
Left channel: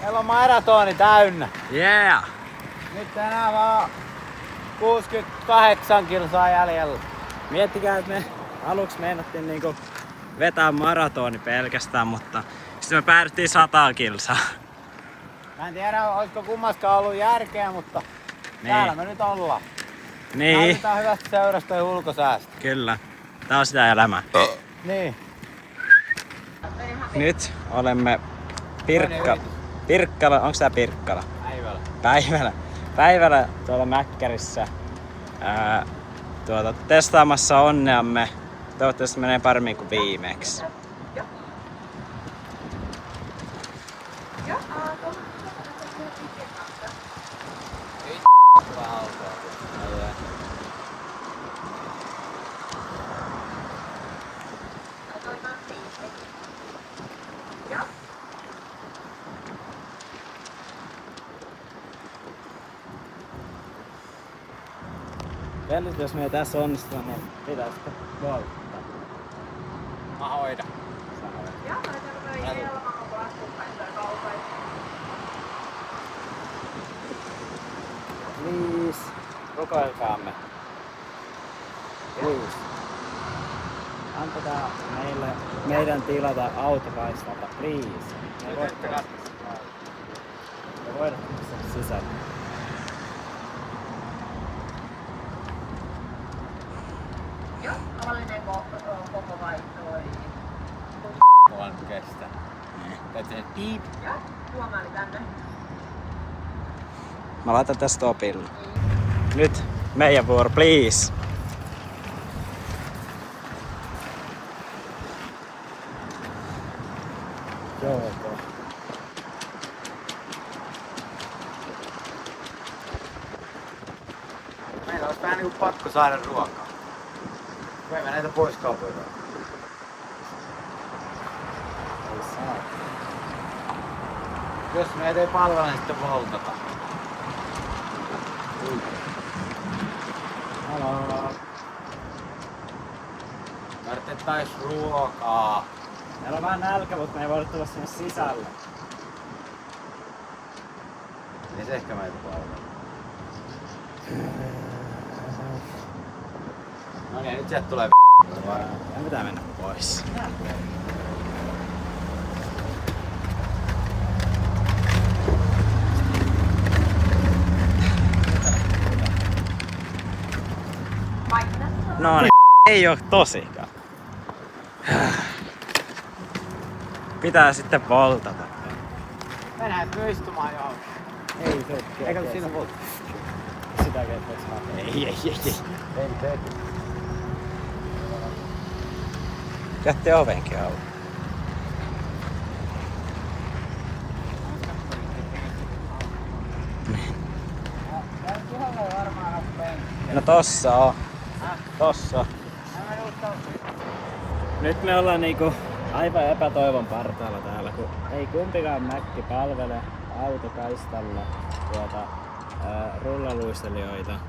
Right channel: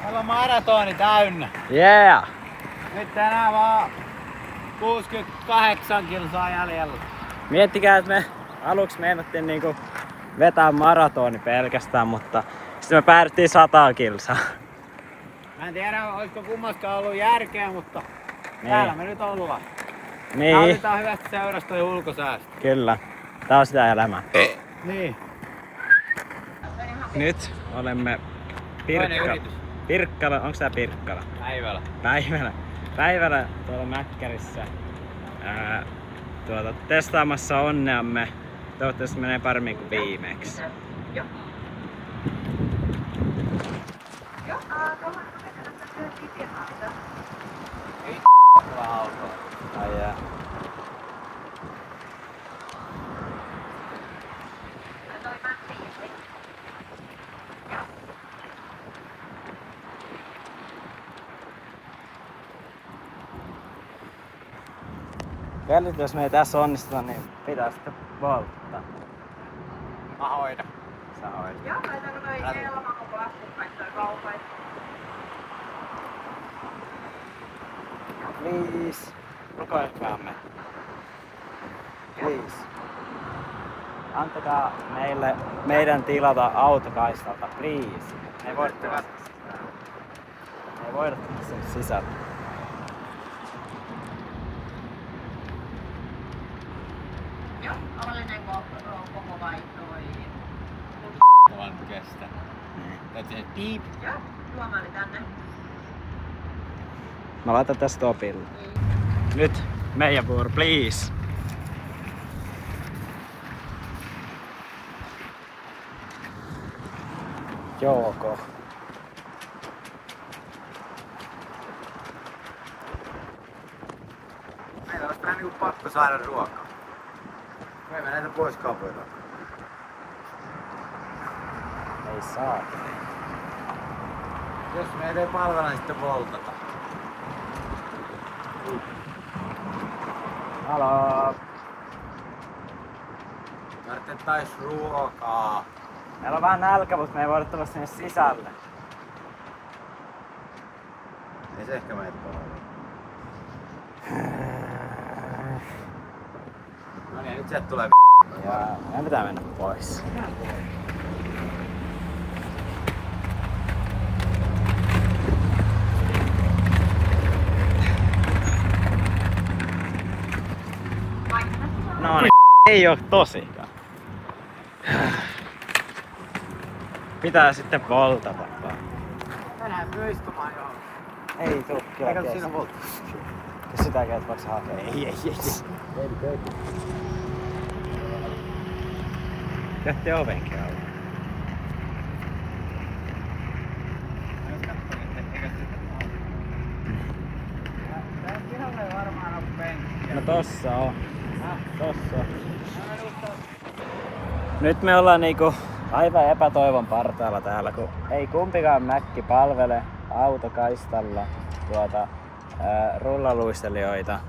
Meillä on maratoni täynnä. Yeah! Nyt enää vaan 68 kilsaa jäljellä. Miettikää, että me aluksi meinattiin niinku vetää maratoni pelkästään, mutta sitten me päädyttiin 100 kilsaa. Mä en tiedä, olisiko kummaskaan ollut järkeä, mutta täällä me nyt ollaan. Niin. Nautitaan hyvästä seurasta ja ulkosäästä. Kyllä. Tää on sitä elämää. Niin. Nyt olemme Pirkkala. Onks tää Pirkkala? Päivällä tuolla Mäkkärissä testaamassa onneamme. Toivottavasti menee paremmin kuin viimeksi. Ei tulee autoa. Ai jää. Nyt jos me ei tässä onnistuta, niin pitää sitten volttaa. Mä hoidan. Sä hoidat. Joo, mä tarvitsen ilman koko laskukkaista ja kaukoista. Please. Rukoilkaamme. Please. Antakaa meidän tilata autokaistalta, please. Me ei voida tulla sinne sisälle. Joo, avallinen koko vaihtoi. Mulla nyt kestää. Niin. Täytyy tehdä piip. Joo, tuomaali tänne. Mä laitan tästä stopille. Nyt meidän vuoro, please. Joko. Meillä olisi vähän niinku pakko saada ruokaa. Voimme näitä pois kaupoilta. Ei saa. Jos meitä ei palvella, niin sitten voltata. Halo. Tarvittais ruokaa. Meillä on vähän nälkä, mutta me ei voida tulla sinne sisälle. Ja se ehkä meitä palvella. No niin, nyt sieltä tulee Meidän pitää mennä pois. No niin, ei oo tosikaan. Pitää sitten voltata vaan. Mennään istumaan johon. Ei tuu kyllä Eikä kestä. siinä volta. Sitä kertaa saa. Ei. Jätti ovenkin auki. Tää pihalle ei varmaan oo penkki. No tossa on. Tossa. Nyt me ollaan niinku aivan epätoivon partaalla täällä, kun ei kumpikaan mäkki palvele autokaistalla rullaluistelijoita.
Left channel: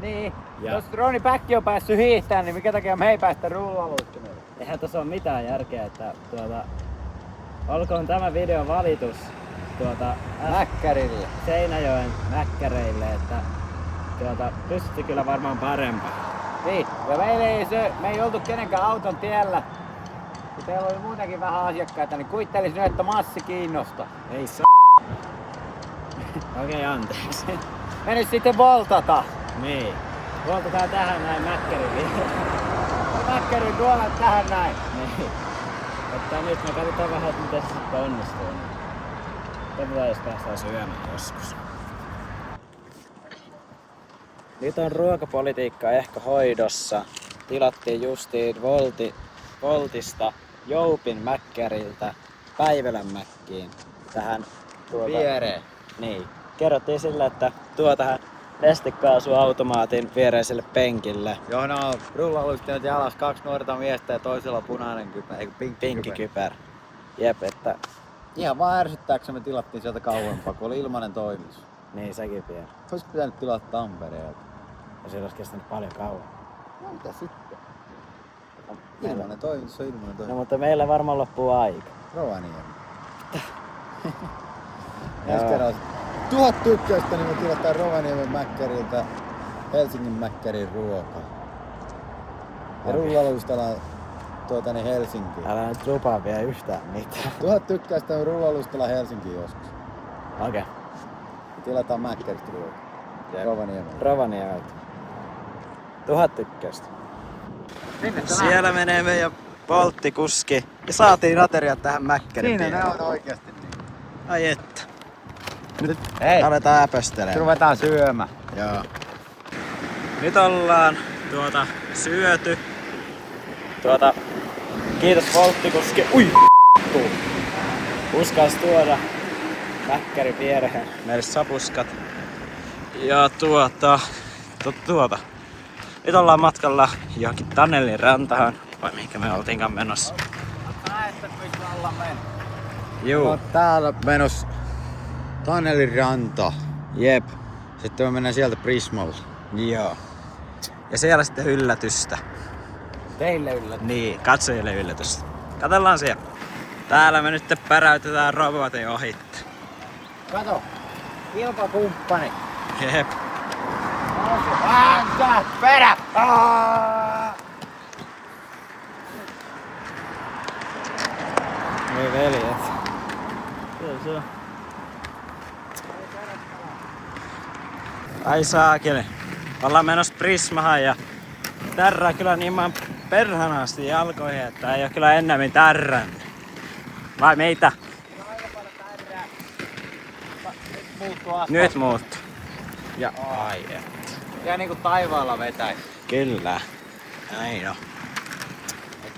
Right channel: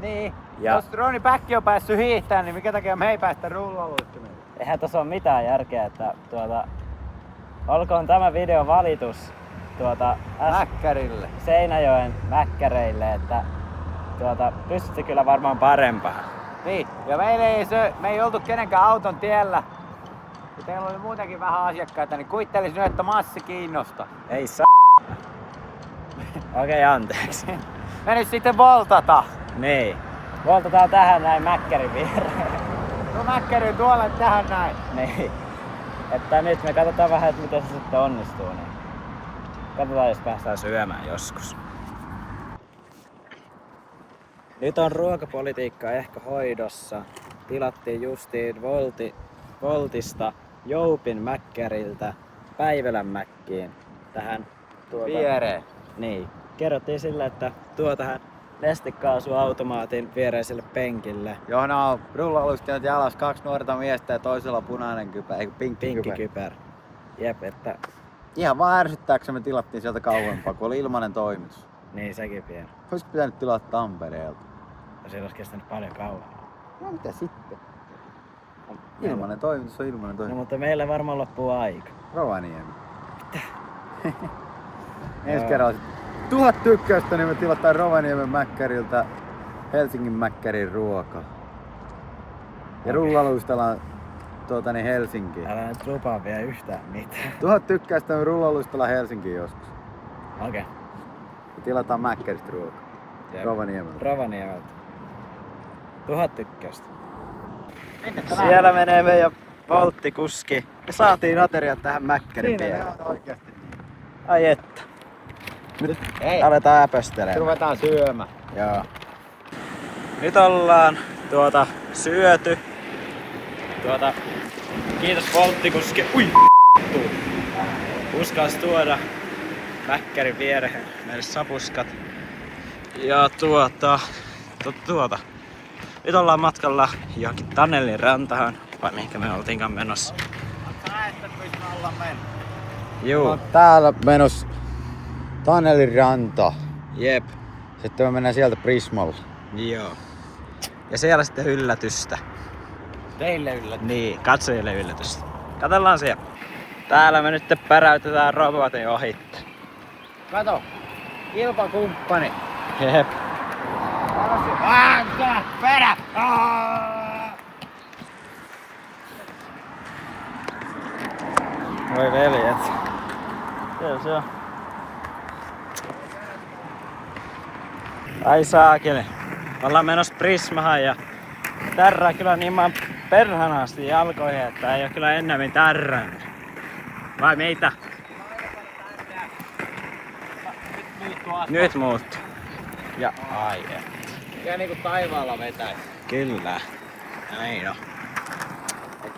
Niin, Ja- jos Roni Päkki on päässyt hiihtämään, niin minkä takia me ei päästä rullaluistimelle? Eihän tässä ole mitään järkeä, että olkoon tämä video valitus Mäkkärille. Seinäjoen mäkkäreille, että pystytte kyllä varmaan parempaan. Niin, ja me ei oltu kenenkään auton tiellä. Ja teillä oli muutenkin vähän asiakkaita, niin kuvittelisin nyt, että massi kiinnosta. Ei Okei, anteeksi. Me nyt sitten voltata. Niin. Voltataan tähän näin mäkkärin viereen. No Mäkkärin tuolla tähän näin. Niin. Että nyt me katsotaan vähän, että miten se sitten onnistuu. Niin. Katsotaan, jos päästään syömään joskus. Nyt on ruokapolitiikka ehkä hoidossa. tilattiin justiin Voltista Joupin Mäkkäriltä Päivälän Mäkkiin tähän Viereen. Niin. Kerrottiin sillä, että tuo tähän nestekaasuautomaatin viereiselle penkille. Johon on rullalustajat jalas 2 nuorta miestä ja toisella punainen kypärä, eikö Pinkki kypär. Jep, että ihan vaan ärsyttääksemme tilattiin sieltä kauempaa, kun oli ilmainen toimitus. niin sekin pieni. Olisi pitänyt tilata Tampereelta. Ja se olisi kestänyt paljon kauan. No mitä sitten? Ilmainen toimitus on ilmainen No toimitus. mutta meillä varmaan loppuu aika. Rovaniemi. Ensi kerralla 1000 tykkäystä, niin me tilataan Rovaniemen Mäkkäriltä Helsingin Mäkkärin ruoka. Ja rullaluistellaan Helsinkiin. Älä nyt lupaa vielä yhtään mitään. 1000 tykkäystä me rullaluistellaan Helsinkiin joskus. Okei. Ja tilataan Mäkkäristä ruokaa. Rovaniemeltä. Rovaniemeltä. 1000 tykkäystä. Minne Siellä menee meidän volttikuski. Ja saatiin ateriat tähän Mäkkärin Siinä ne viereen. on oikeasti niin. Ai että. Nyt hei, Aletaan äpöstelemään. ruvetaan syömään. Joo. Nyt ollaan syöty. Kiitos volttikuski. Ui! Uskas tuoda Mäkkärin viereen meille sapuskat. Ja nyt ollaan matkalla johonkin Tannelin rantaan. Vai mihinkä me oltiinkaan menossa. Näette, missä ollaan mennyt. Juu. On täällä menossa Tannelin ranta. Jep. Sitten me mennään sieltä Prismalla. Joo. Ja siellä sitten yllätystä. Teille yllätys. Niin, katsojille yllätystä. Katsellaan siellä. Täällä me nyt päräytetään robotin ohitte. Kato, kilpakumppani. Jep. Perä! Voi veljet. Kyllä se on. Ai saakeli. Ollaan menossa Prismahan ja tärrää kyllä niin perhanaasti jalkoihin, että ei oo kyllä ennemmin tärrännyt. Vai meitä? Nyt muuttu. Ja ai et. Ja niinku taivaalla vetäis. Kyllä. Näin on.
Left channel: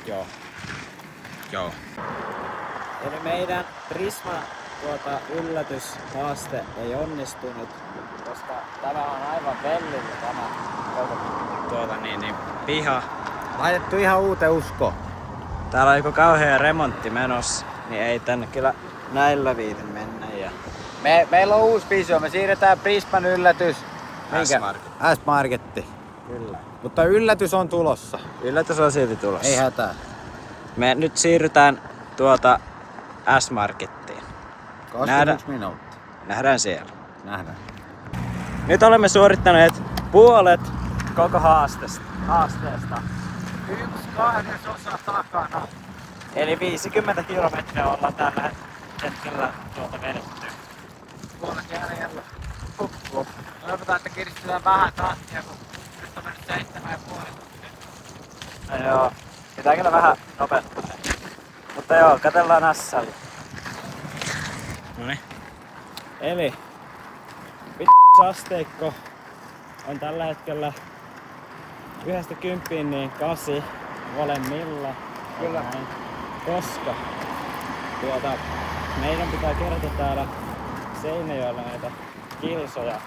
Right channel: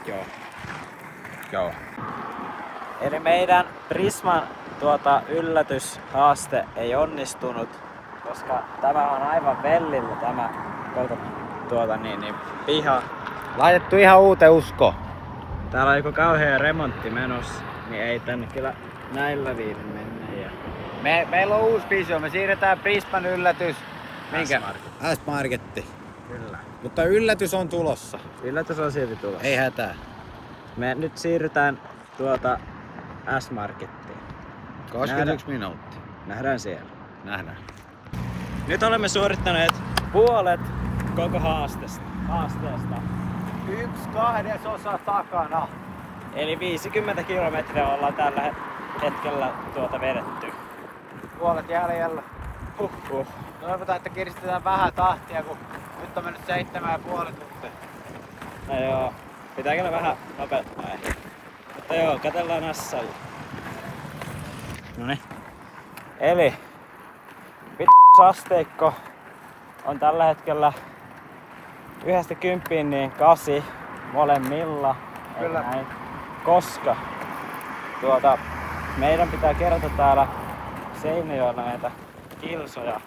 Joo. Joo. Eli meidän Prisman yllätyshaaste ei onnistunut, koska tämä on aivan vellillä tämä piha. Laitettu ihan uuteen uskoon. Täällä on joku kauhea remontti menossa, niin ei tänne kyllä näillä viitin mennä. Ja Meillä on uusi visio. Me siirretään Prisman yllätys. S-Market. S-Marketti. Kyllä. Mutta yllätys on tulossa. Yllätys on silti tulossa. Ei hätää. Me nyt siirrytään S-Markettiin. 21 minuuttia. Nähdään siellä. Nähdään. Nyt olemme suorittaneet puolet koko haasteesta. 1/2 takana. Eli 50 kilometriä ollaan tällä hetkellä vedetty. Puolet jäljellä. Toivotaan, että kiristetään vähän tahtia, kun nyt on mennyt 7,5 tuntia. No joo, pitää kyllä vähän nopeuttaa. Mutta joo, katsellaan Ässällä. Noniin. Eli asteikko on tällä hetkellä 1-10 niin 8 molemmilla. Kyllä. Noin. Koska meidän pitää kerätä täällä Seinäjoella näitä kilsoja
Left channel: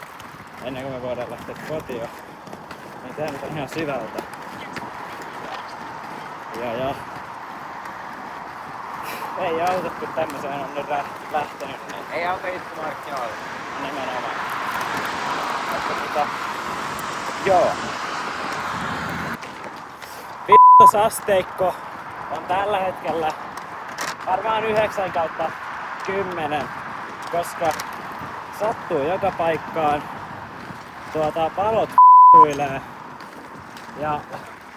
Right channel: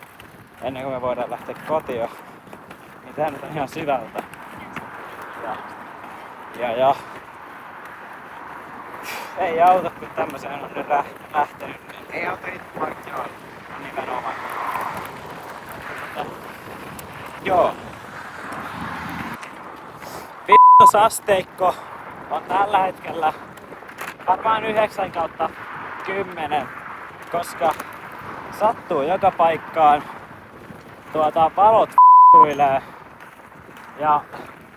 ennen kuin me voidaan lähteä kotiin. Niin tää nyt on ihan syvältä. Ja ei auta, kun tämmöseen on nyt lähtenyt. Niin Ei auta itsemarkkinoilla. nimenomaan. Mutta joo. Asteikko on tällä hetkellä varmaan 9/10, koska sattuu joka paikkaan. Valot huilee ja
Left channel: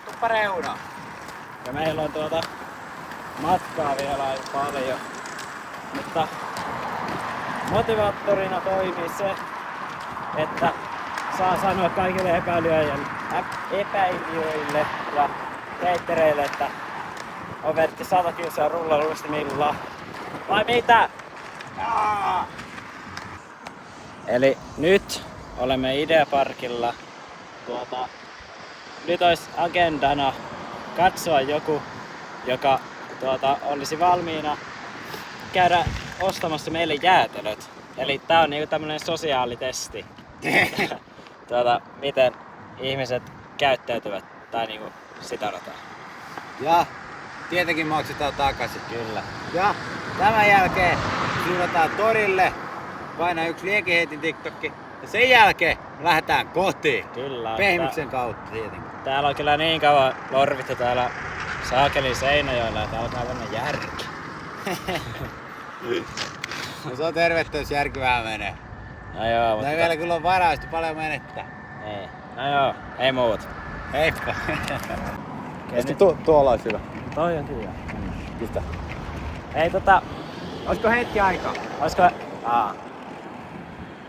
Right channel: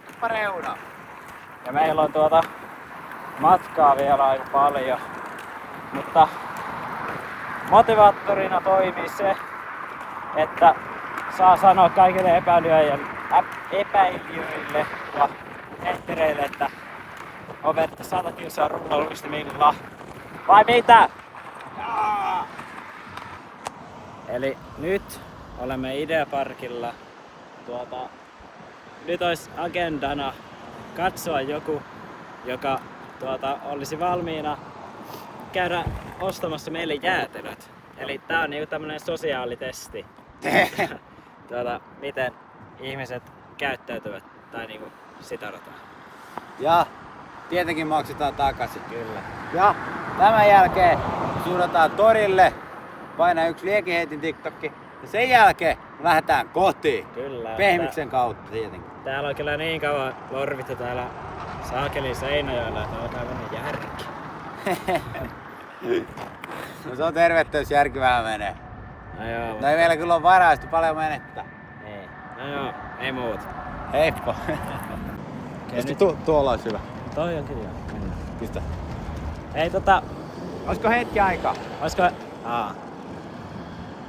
Tuppa reuna. meillä on matkaa vielä aika paljon. Mutta motivaattorina toimii se, että saa sanoa kaikille epäilijöille ja heittereille, että on vedetty 100 kilsaa rullaluistimilla. Vai mitä? Eli nyt olemme Ideaparkilla nyt olisi agendana katsoa joku, joka olisi valmiina käydä ostamassa meille jäätelöt. Eli tää on niinku tämmönen sosiaalitesti. Miten ihmiset käyttäytyvät tai niinku sitä rataa. Ja tietenkin maksetaan takaisin. Kyllä. Ja tämän jälkeen suunnataan torille, painaa yksi liekinheitin TikTokki ja sen jälkeen me lähdetään kotiin. Kyllä. Pehmyksen kautta tietenkin. Täällä on kyllä niin kauan lorvittu täällä Saakelin Seinäjoella, että alkaa tämmönen järki. No se on tervettä, jos järki vähän menee. No joo, Mutta ei vielä kyllä ole varaa, sitten paljon menettää. Niin. No joo, ei muuta. Heippa. Okei, nyt Tuolla olisi hyvä. toi on kyllä. Mennään. Pistä. Ei Olisiko hetki aikaa? oisko...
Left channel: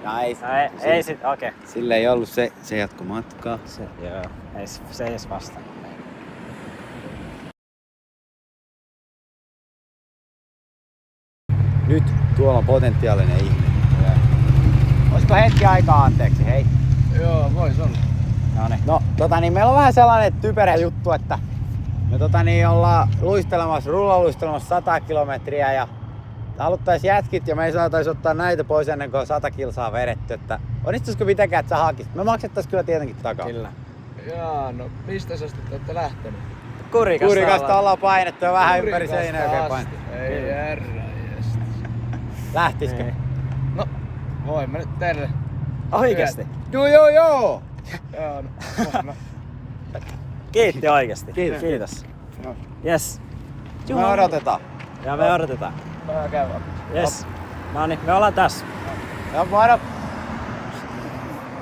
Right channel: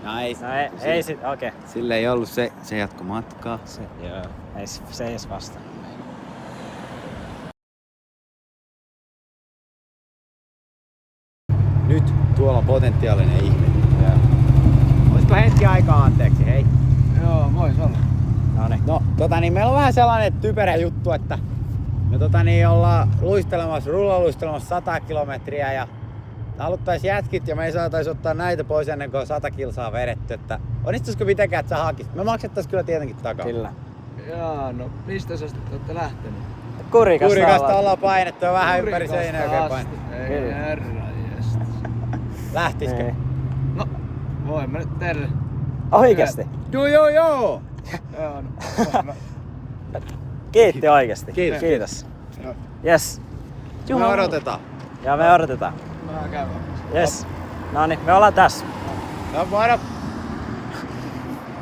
No ei. No ei sit, okei. Sillä ei ollut se jatkomatkaa. Joo, se ei edes vastannut meille. Nyt tuolla on potentiaalinen ihminen. Olisiko hetki aikaa anteeksi, hei? Joo, vois olla. Noniin. No, meillä on vähän sellainen typerä juttu, että me ollaan rullaluistelemassa 100 kilometriä ja haluttais jätkit ja me ei saatais ottaa näitä pois ennen kuin 100 kilsaa vedetty, että onnistuisiko mitenkään, että sä hakisit? Me maksettais kyllä tietenkin takaa. Kyllä. Jaa, no mistä asti te ootte lähtenyt? Kurikasta ollaan painettu ja vähän ympäri Kurikasta seinää oikein asti. painettu. Ei herra jestas. Lähtisikö? No, voin mä nyt teille. Oikeesti? Joo. Joo, no, no. Kiitti oikeesti. Kiitos. Kiitos. No. Yes. Me odotetaan. Ja me odotetaan. Mä käyn. Yes. Noniin, me ollaan tässä. No moro.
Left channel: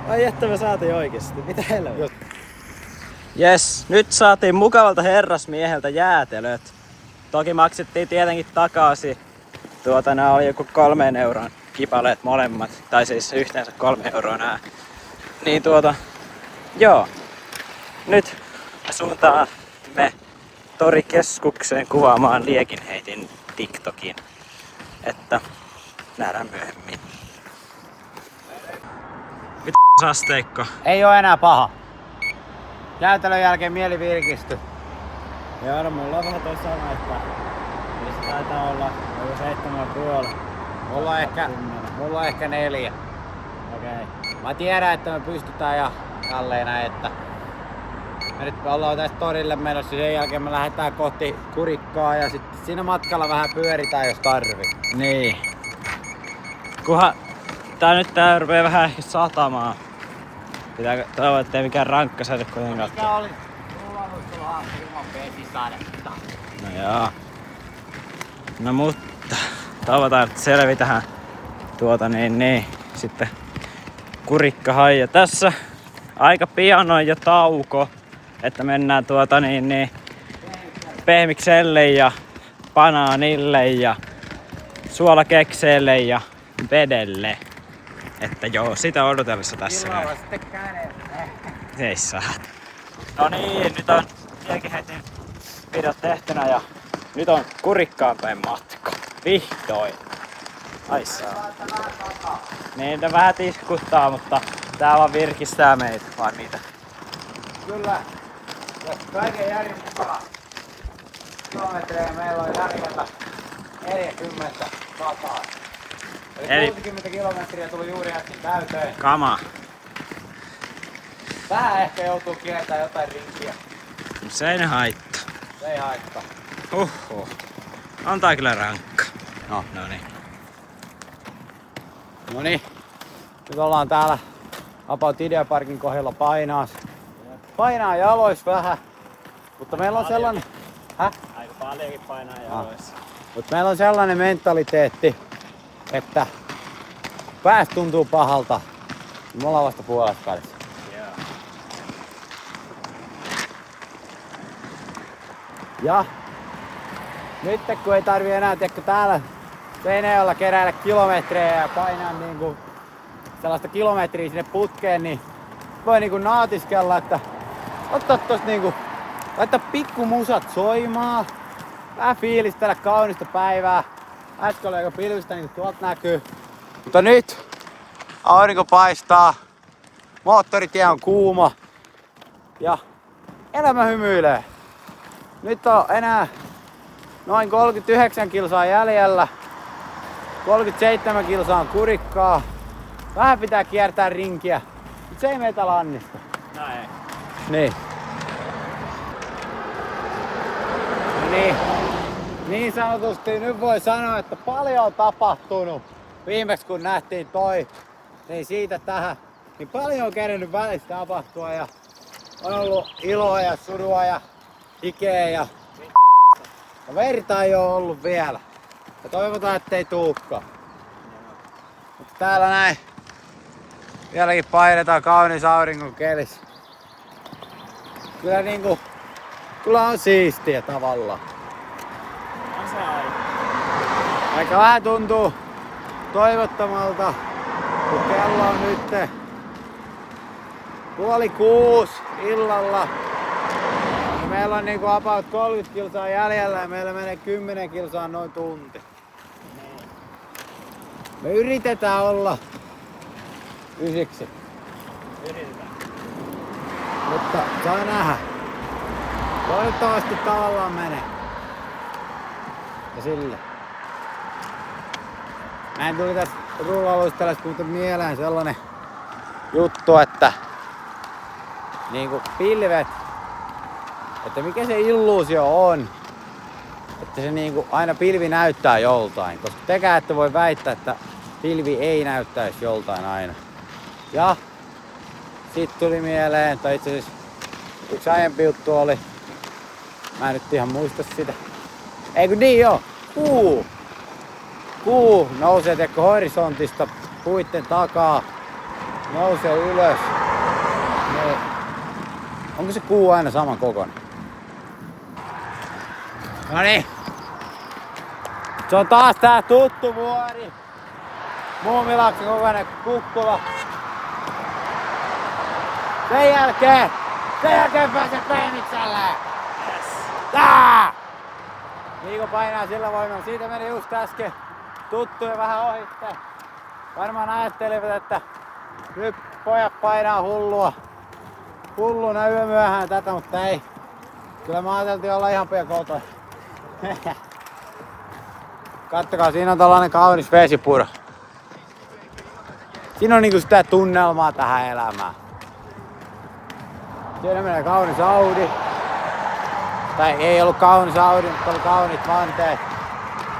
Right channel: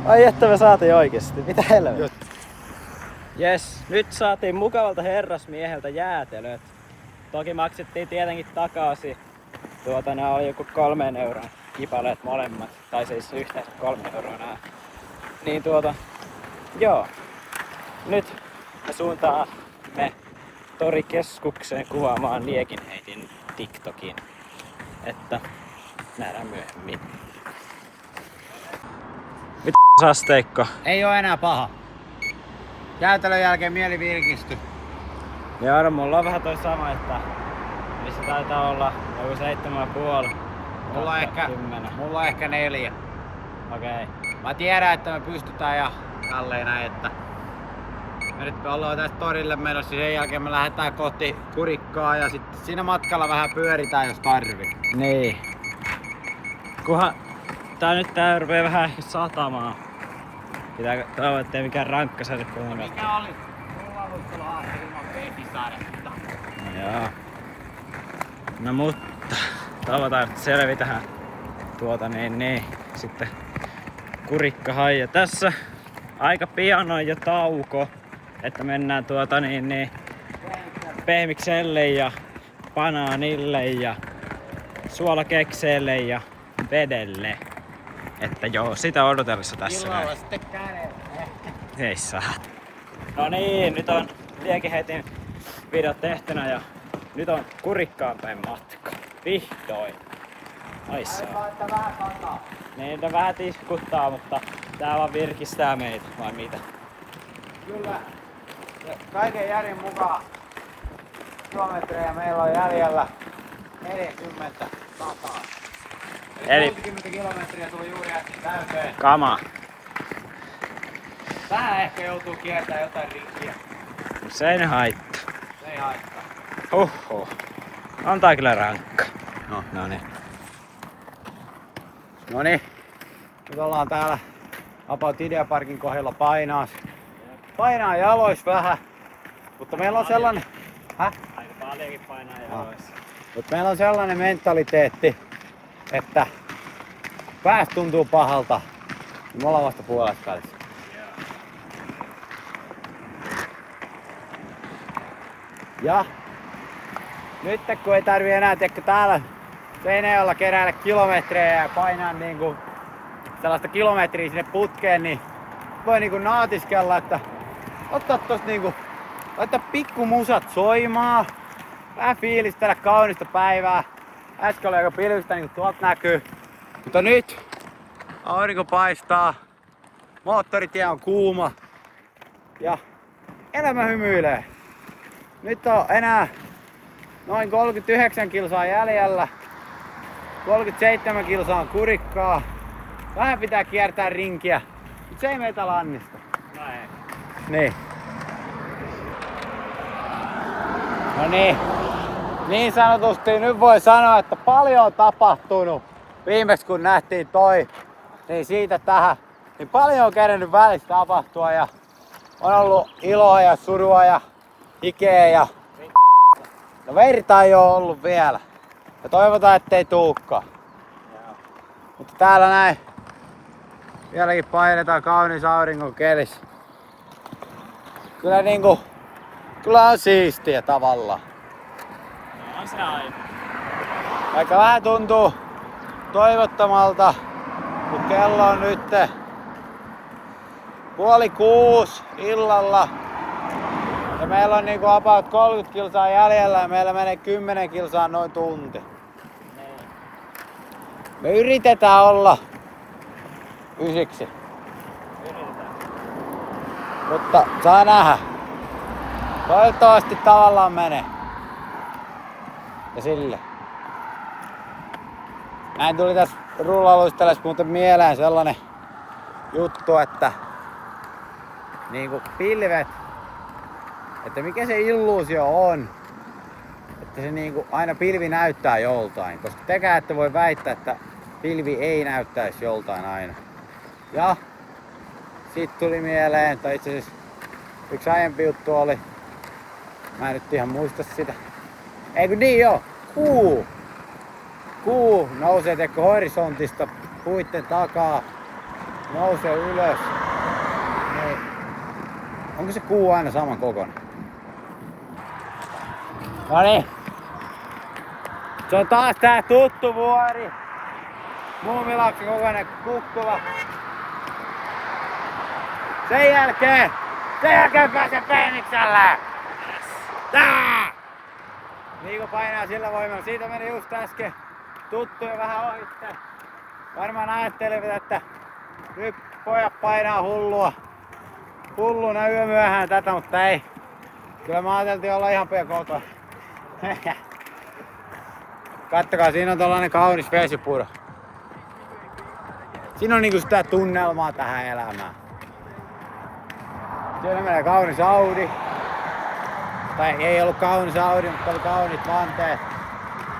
Ai että me saatiin oikeesti. Mitä helvettiä? Just. Jes, nyt saatiin mukavalta herrasmieheltä jäätelöt. Toki maksettiin tietenkin takaisin. Nää oli joku 3 euron kipaleet molemmat. Tai siis yhteensä 3 euroa nää. Niin joo. Nyt me suuntaamme torikeskukseen kuvaamaan liekinheitin TikTokin. Että nähdään myöhemmin. Mitä asteikko? Ei oo enää paha. Jäätelön jälkeen mieli virkistyi. Joo, no mulla on vähän toi sama, että missä taitaa olla joku 7,5. Mulla on ehkä 4. Okei. Mä tiedän, että me pystytään ja tälleen näin, että me nyt ollaan tästä torille menossa, sen jälkeen me lähdetään kohti Kurikkaa ja sitten siinä matkalla vähän pyöritään jos tarvii. Niin. Tää rupee vähän ehkä satamaan. Pitääkö toivoa, ettei mikään rankka sade kuitenkaan. Mikä oli? Rullaluisteluhaasti ilman vesisadetta. No joo. No mutta toivotaan, että selvitään sitten Kurikkahan. Ja tässä aika pian on jo tauko, että mennään pehmikselle ja banaanille ja suolakekseelle ja vedelle. Että joo, sitä odotellessa tässä Illalla vielä. sitten kädet. Ei saa. No niin, nyt on liekinheitin videot tehtynä ja nyt on Kurikkaan päin matka. Vihdoin. Ai saa. Niin, ne vähän tiskuttaa, mutta tää vaan virkistää meitä, vai mitä? Kyllä. Ja kaiken järjen mukaan kilometrejä meillä on jäljellä 40 sataa. Eli 60 kilometriä tuli juuri äsken täyteen. Kama. Vähän ehkä joutuu kiertämään jotain rinkiä. Se ei ne haittaa. Se ei haittaa. Huhhuh. On tää kyllä rankka. No. Noniin. Noniin. Nyt ollaan täällä About Ideaparkin kohdalla painaa jalois vähän. Mutta meillä on sellainen... Aika paljonkin painaa jaloissa. Mutta meillä on sellainen mentaliteetti, että pääs tuntuu pahalta, niin me ollaan vasta puolessa välissä. Ja nyt kun ei tarvi enää täällä Seinäjoella keräillä kilometrejä ja painaa niinku sellaista kilometriä sinne putkeen, niin voi niinku naatiskella, että ottaa tosta niinku, laittaa pikku musat soimaan, vähän fiilistellä kaunista päivää. Äsken oli aika pilvistä, niin kuin tuolta näkyy. Mutta nyt aurinko paistaa, moottoritie on kuuma ja elämä hymyilee. Nyt on enää noin 39 kilsaa jäljellä. 37 kilsaa on kurikkaa. Vähän pitää kiertää rinkiä, mutta se ei meitä lannista. Näin. Niin. No niin. Niin sanotusti nyt voi sanoa, että paljon on tapahtunut. Viimeksi kun nähtiin toi, niin siitä tähän. Niin paljon on kerennyt välissä tapahtua ja on ollut iloa ja surua ja hikeä ja no verta ei oo ollut vielä. Ja toivotaan ettei tuukkaan. Mutta täällä näin vieläkin painetaan kaunis auringon kelissä. Kyllä niinku, kyllä on siistiä tavallaan. On se aina. Vaikka vähän tuntuu toivottomalta, kun kello on nyt 5:30 illalla. Ja meillä on niinku about 30 kilsaa jäljellä ja meillä menee 10 kilsaa noin tunti. Me yritetään olla ysiksi. Yritetään. Mutta saa nähdä. Toivottavasti tavallaan menee. Ja sille. Näin tuli tässä rullailuisteles muuten mieleen sellainen juttu, että niinku pilvet, että mikä se illuusio on, että se niinku aina pilvi näyttää joltain, koska tekään ette voi väittää, että pilvi ei näyttäisi joltain aina. Ja sit tuli mieleen, tai itse asiassa yksi aiempi juttu oli, mä en nyt ihan muista sitä. Eikö niin joo? Kuu nousee teko horisontista puitten takaa, nousee ylös. Niin. Onko se kuu aina saman kokoinen? No niin. Se on taas tää tuttu vuori. Muumilaksen kokoinen kukkula. Sen jälkeen pääsee Pehmikselle! Tää! Niiko painaa sillä voimalla. Siitä meni just äsken tuttuja vähän ohitte. Varmaan ajattelivat, että nyt pojat painaa hulluna yömyöhään tätä, mutta ei. Kyllä mä ajateltiin olla ihan pian kotona. Kattokaa, siinä on tällainen kaunis vesipuro. Siinä on niinku sitä tunnelmaa tähän elämään. Siellä menee kaunis Audi. Tai ei ollut kaunis Audi, mutta oli kauniit vanteet.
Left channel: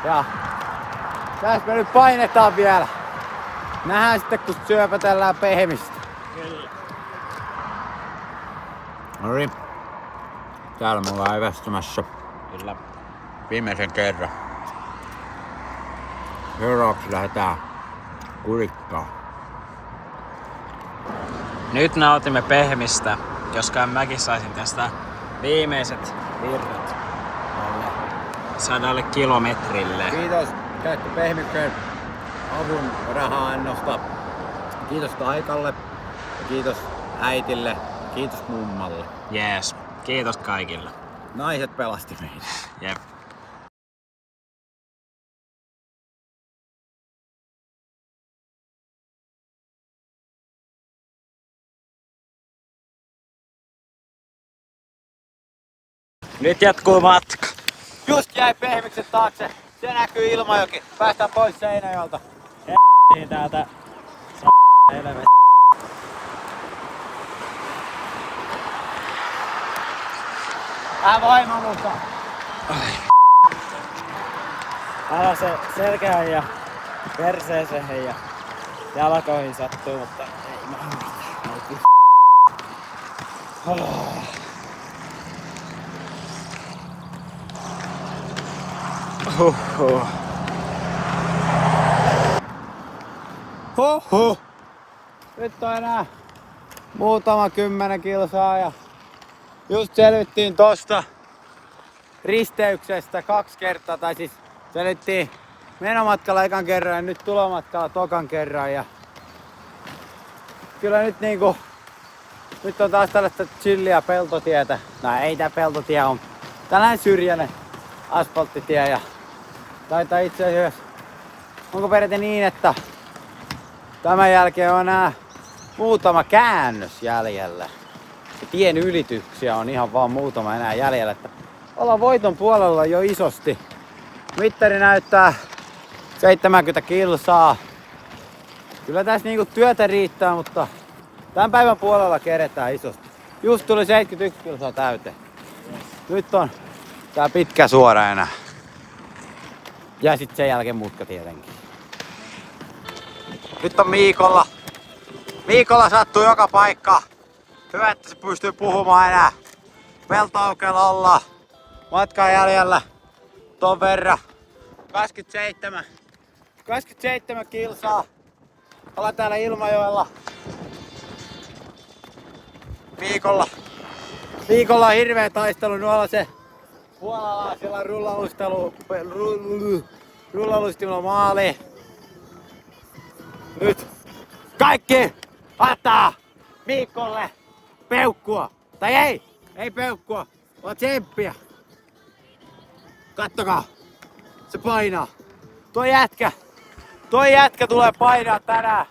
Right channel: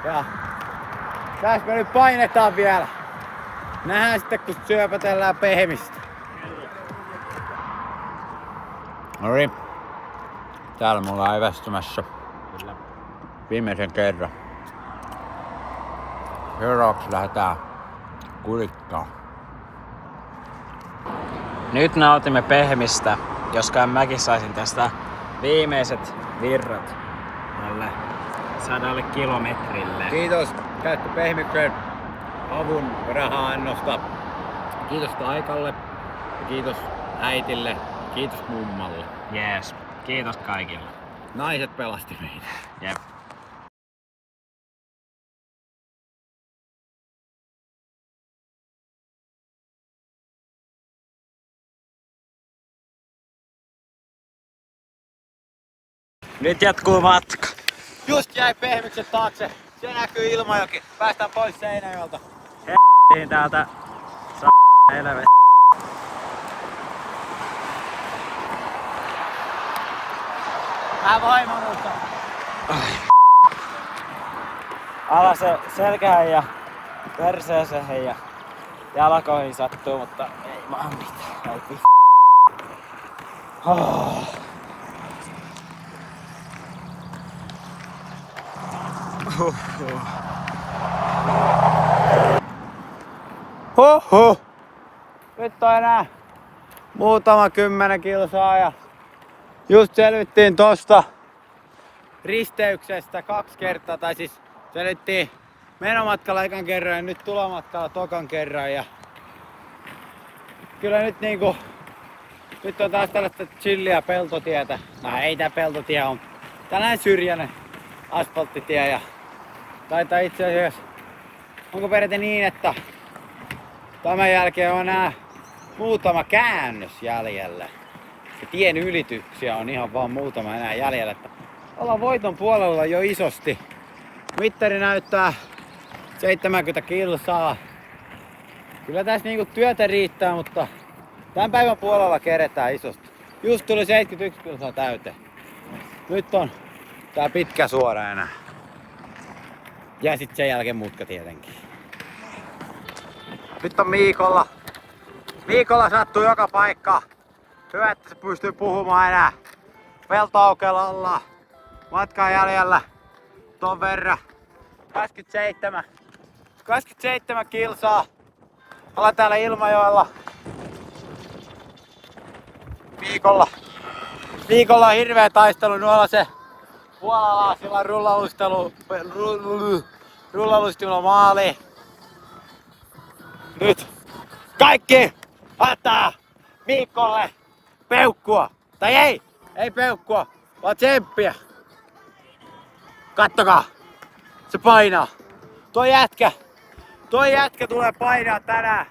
Ja tässä me nyt painetaan vielä. Nähdään sitten kun syöpätellään pehmistä. Noniin. Täällä mulla on evästymässä. Kyllä. Viimeisen kerran. Seuraavaksi lähdetään kurikkaan. Nyt nautimme pehmistä, joskaan mäkin saisin tästä viimeiset virrat alle 100 kilometrille. Kiitos Käyttö Pehmiksen avun raha-annosta. Kiitos Taikalle ja kiitos äitille ja kiitos mummalle. Jees. Kiitos kaikille. Naiset pelasti meitä. Jep. Nyt jatkuu matka. Just jäi Pehmiksen taakse. Se näkyy Ilmajoki. Päästään pois Seinäjoelta. Niin täältä helvet. Vaimo muuta. Alas se selkään ja perseeseen ja jalkoihin sattuu, mutta ei maa mitään. Ei Huhhuh. Nyt on enää muutama 10 kilsaa ja just selvittiin tosta risteyksestä 2 kertaa, tai siis selvittiin menomatkalla ekan kerran ja nyt tulomatkalla tokan kerran ja kyllä nyt niinku nyt on taas tällaista chilliä peltotietä. No ei tää peltotie on tällainen syrjäinen asfalttitie ja taitaa itse asiassa onko peräti niin, että tämän jälkeen on enää muutama käännös jäljellä. ja tien ylityksiä on ihan vaan muutama enää jäljellä. Että ollaan voiton puolella jo isosti. Mittari näyttää 70 kilsaa. Kyllä tässä niinku työtä riittää, mutta tämän päivän puolella keretään isosti. Just tuli 71 kilsaa täyteen. Nyt on tää pitkä suora enää. Ja sit sen jälkeen mutka tietenkin. Nyt on Miikolla. Miikolla sattuu joka paikka. Hyvä, että se pystyy puhumaan enää. Peltoaukeella ollaan. Matkaa jäljellä ton verran. 27 kilsaa. Ollaan täällä Ilmajoella. Viikolla on hirveä taistelu nuolla se puolalaisilla rullalustilla maali. Nyt kaikki antaa Miikolle peukkua. Tai ei peukkua, vaan tsemppiä. Kattokaa, se painaa. Toi jätkä tulee painaa tänään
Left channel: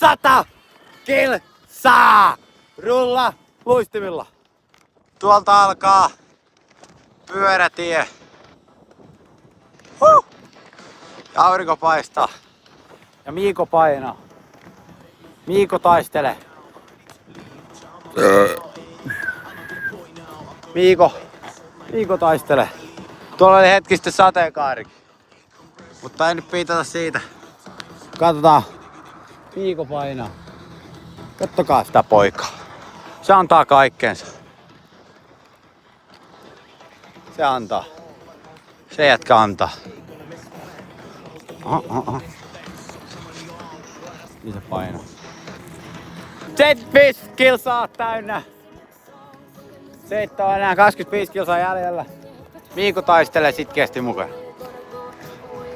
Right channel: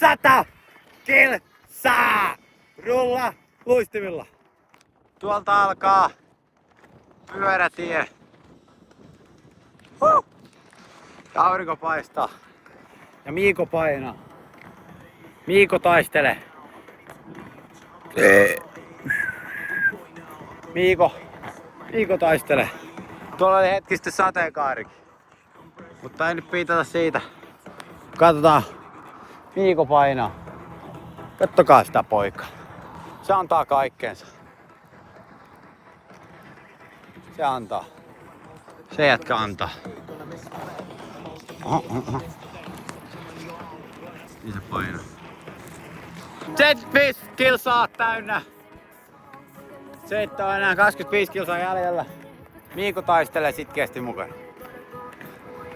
100 kilsaa rulla luistimilla. Tuolta alkaa pyörätie. Ja aurinko paistaa. Ja Miiko painaa. Miiko taistelee. Miiko taistelee. Tuolla oli hetki sitten sateenkaarikin. Mutta ei nyt piitata siitä. Katsotaan. Miiko painaa. Kattokaa sitä poikaa. Se antaa kaikkeensa. Se antaa. Se jätkä antaa. Oho. Niin se painaa. 75 kilsaa täynnä. Seittä on enää 25 kilsaa jäljellä. Miiko taistelee sitkeästi mukana. Mä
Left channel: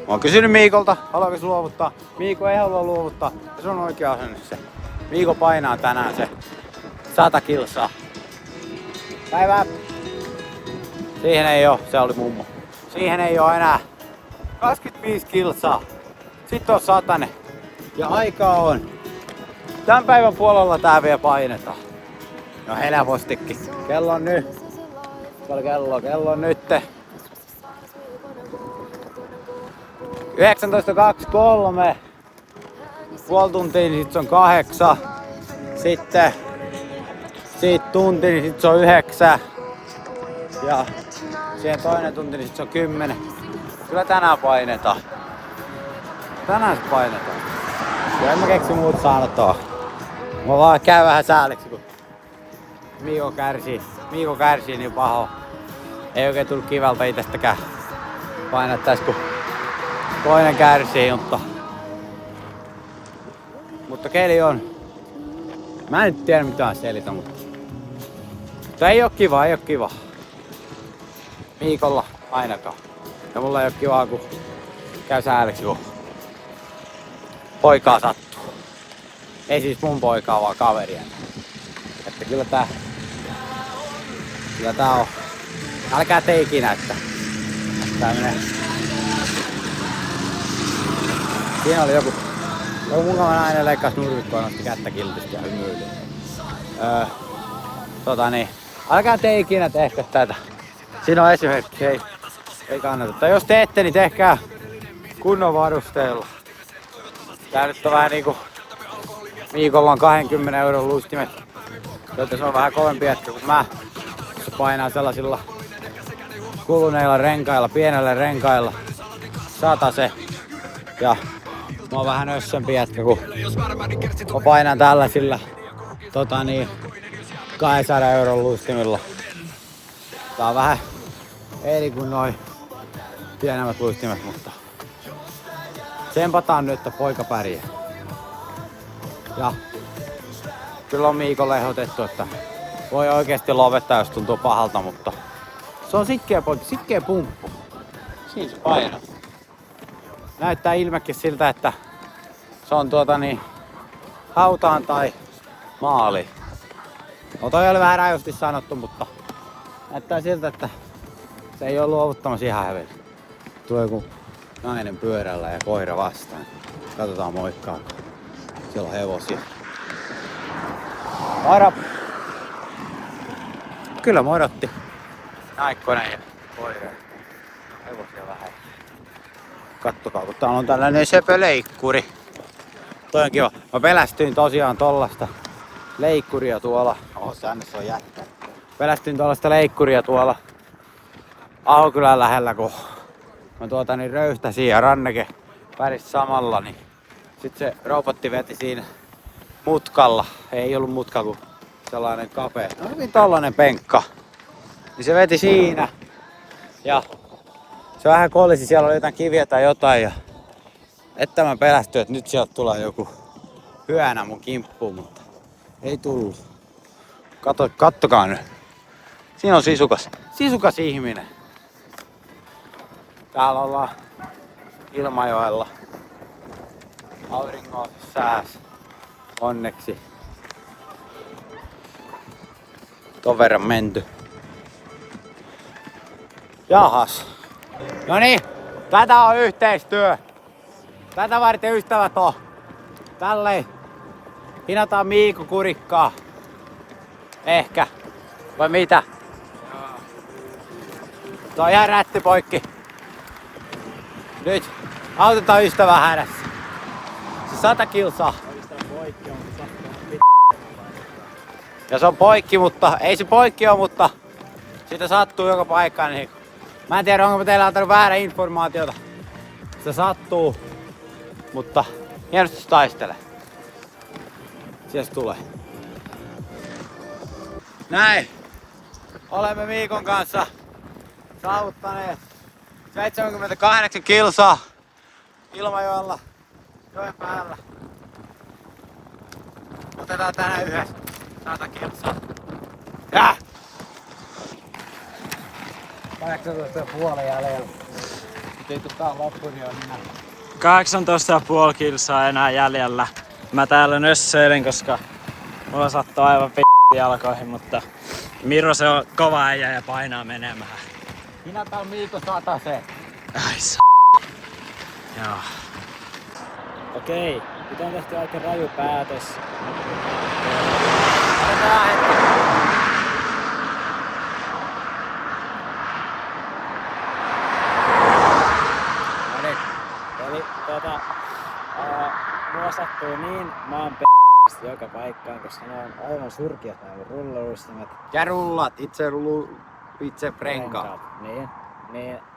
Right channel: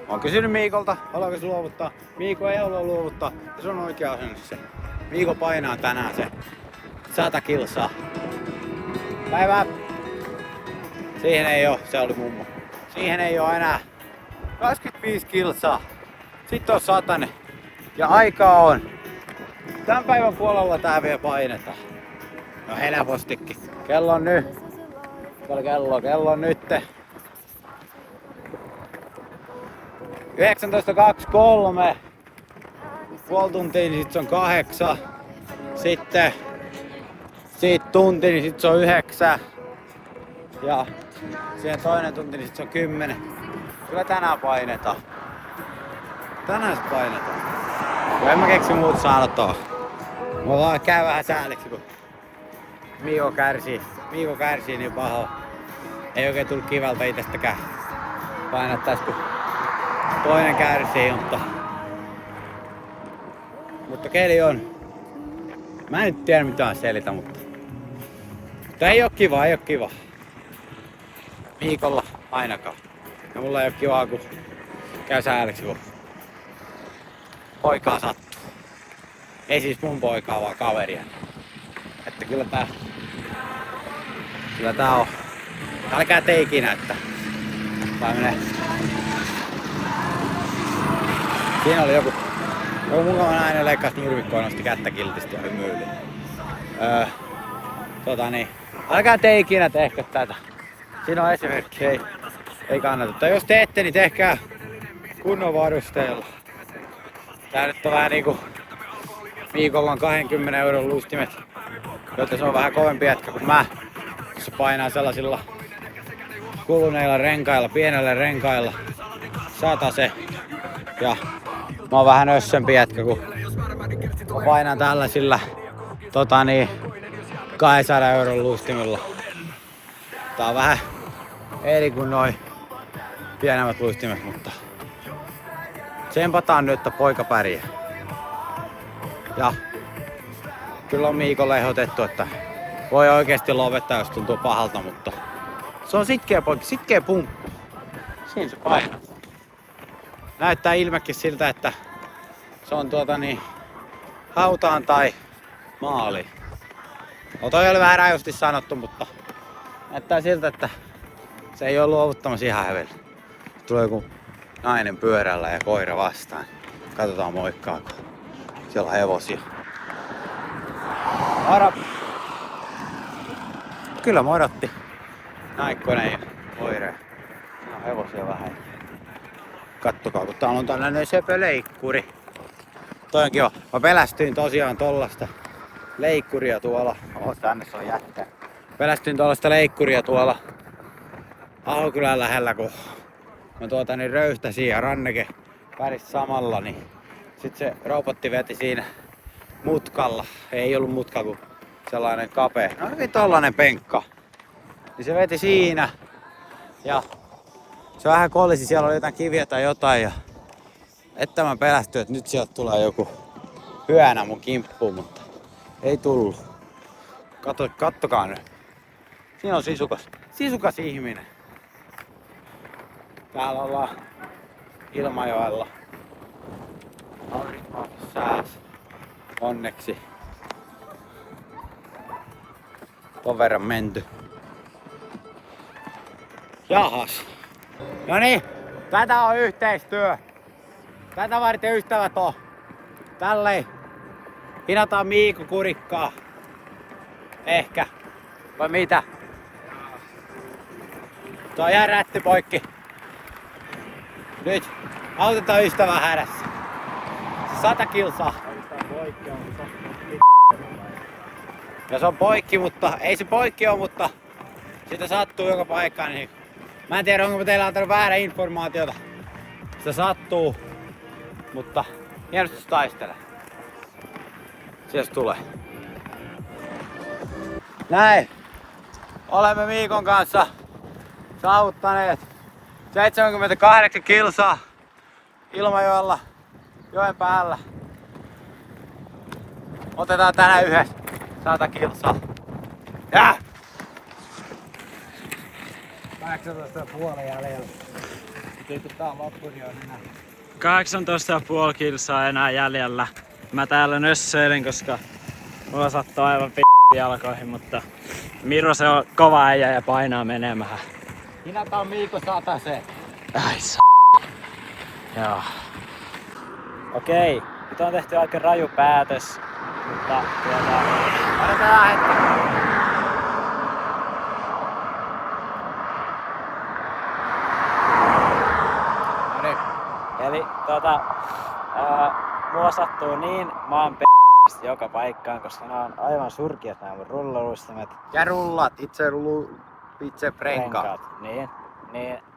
oon kysynyt Miikolta, haluaako se luovuttaa. Miiko ei halua luovuttaa. Se on oikea asennissa. Miiko painaa tänään se 100 kilsaa. Päivää! Siihen ei oo, se oli mummo. Siihen ei oo enää 25 kilsaa. Sitten on 100. Ja aikaa on. Tän päivän puolella tää vielä painetaan. No helpostikin. Kello on nyt. Kello on nyt 19.23. Puoli tuntia, niin sit se on 8. Sitten siitä tunti, niin sit se on 9. Ja siihen toinen tunti, niin sit se on 10. Kyllä tänään painetaan. Tänään se painetaan. Kun en mä keksi muuta sanotaan. Mä vaan käy vähän sääliksi, kun Miiko kärsii niin paho. Ei oikein tullut kivalta itsestäkään painattais, kun toinen kärsii, mutta keli on. Mä en nyt tiedä mitään selitä, mutta ei oo kiva. Miikolla ainakaan. Ja mulla ei oo kivaa, kun käy sääliksi, kun poikaa sattuu. Ei siis mun poikaa, vaan kaverien. Että kyllä tää on. Älkää te ikinä, että tää menee. Siinä oli joku mukava nainen leikkasi nurmikkoa, nosti kättä kiltisti ja hymyili. Älkää te ikinä tehkö tätä. Siinä on esimerkki, ei kannata. Tai jos teette, niin tehkää kunnon varusteella. Tää nyt on vähän niinku Miikolla on 20 € luistimet, joten se on vähän kovempi jätkä kuin mä. Se painaa sellaisilla kuluneilla renkailla, pienellä renkailla. 100 se. Ja mä oon vähän össempi jätkä, kun mä painan tällaisilla 200 € luistimilla. Tää on vähän eri kuin noi pienemmät luistimet, mutta tsempataan nyt, että poika pärjää. Ja kyllä on Miikolle ehdotettu, että voi oikeesti lopettaa, jos tuntuu pahalta, mutta se on sitkeä poika, sitkeä pumppu. Siinä se painaa. Näyttää ilmekin siltä, että se on hautaan tai maali. No toi oli vähän rajusti sanottu, mutta näyttää siltä, että se ei ole luovuttamassa ihan hävellä. Tulee joku nainen pyörällä ja koira vastaan. Katsotaan moikkaa. Siellä on hevosia. Moro! Kyllä modotti. Naikkonen ja koire. Hevosia vähän. Kattokaa, kun täällä on tällainen söpöleikkuri. Toi on kiva. Mä pelästyin tosiaan tollasta leikkuria tuolla. Sännissä on jätkä. Pelästyin tollasta leikkuria tuolla Ahokylän lähellä, kun mä röyhtäsin ja Ranneke päris samalla, niin sit se robotti veti siinä mutkalla. Ei ollut mutka, kun sellainen kapea. No hyvin tollanen penkka. Niin se veti siinä. Ja se vähän kolisi, siellä oli jotain kiviä tai jotain. Ja että mä pelästyin, että nyt sieltä tulee joku hyönä mun kimppuun, mutta ei tullut. Kattokaa nyt. Siinä on sisukas ihminen. Täällä ollaan Ilmajoella. Aurinko sääs. Onneksi. Ton verran menty. Jahas. No niin, tätä on yhteistyö. Tätä varten ystävät on. Tälleen hinataan Miikku kurikkaa. Ehkä. Vai mitä? Tuo jää rätti poikki. Nyt autetaan ystävää hädässä. Se 100 kilsaa. Ja se on poikki, mutta ei se poikki ole, mutta sitä sattuu joka paikkaan. Niin mä en tiedä, onko teillä antanut väärä informaatiota. Se sattuu, mutta hienosti taistele. Sieltä tulee. Näin. Olemme Miikon kanssa saavuttaneet 78 kilsaa Ilmajoella joen päällä. Otetaan tänään yhdessä 100 kilsaa. Ja! 18,5 jäljellä. Ei tää on loppu, niin on minä. 18,5 kilsaa enää jäljellä. Mä täällä nössöilen, koska mulla sattuu aivan jalkoihin, mutta Miro se on kova äijä ja painaa menemään. Minä tää on Miikko 100 se. Ai Joo. Okei, nyt on tehty aika raju päätös, mutta Odotaan hetki. eli mua sattuu niin maan joka paikkaan, koska nämä on aivan surkiat nämä mun rullaluistimet. Ja rullat itse prenkaat. Niin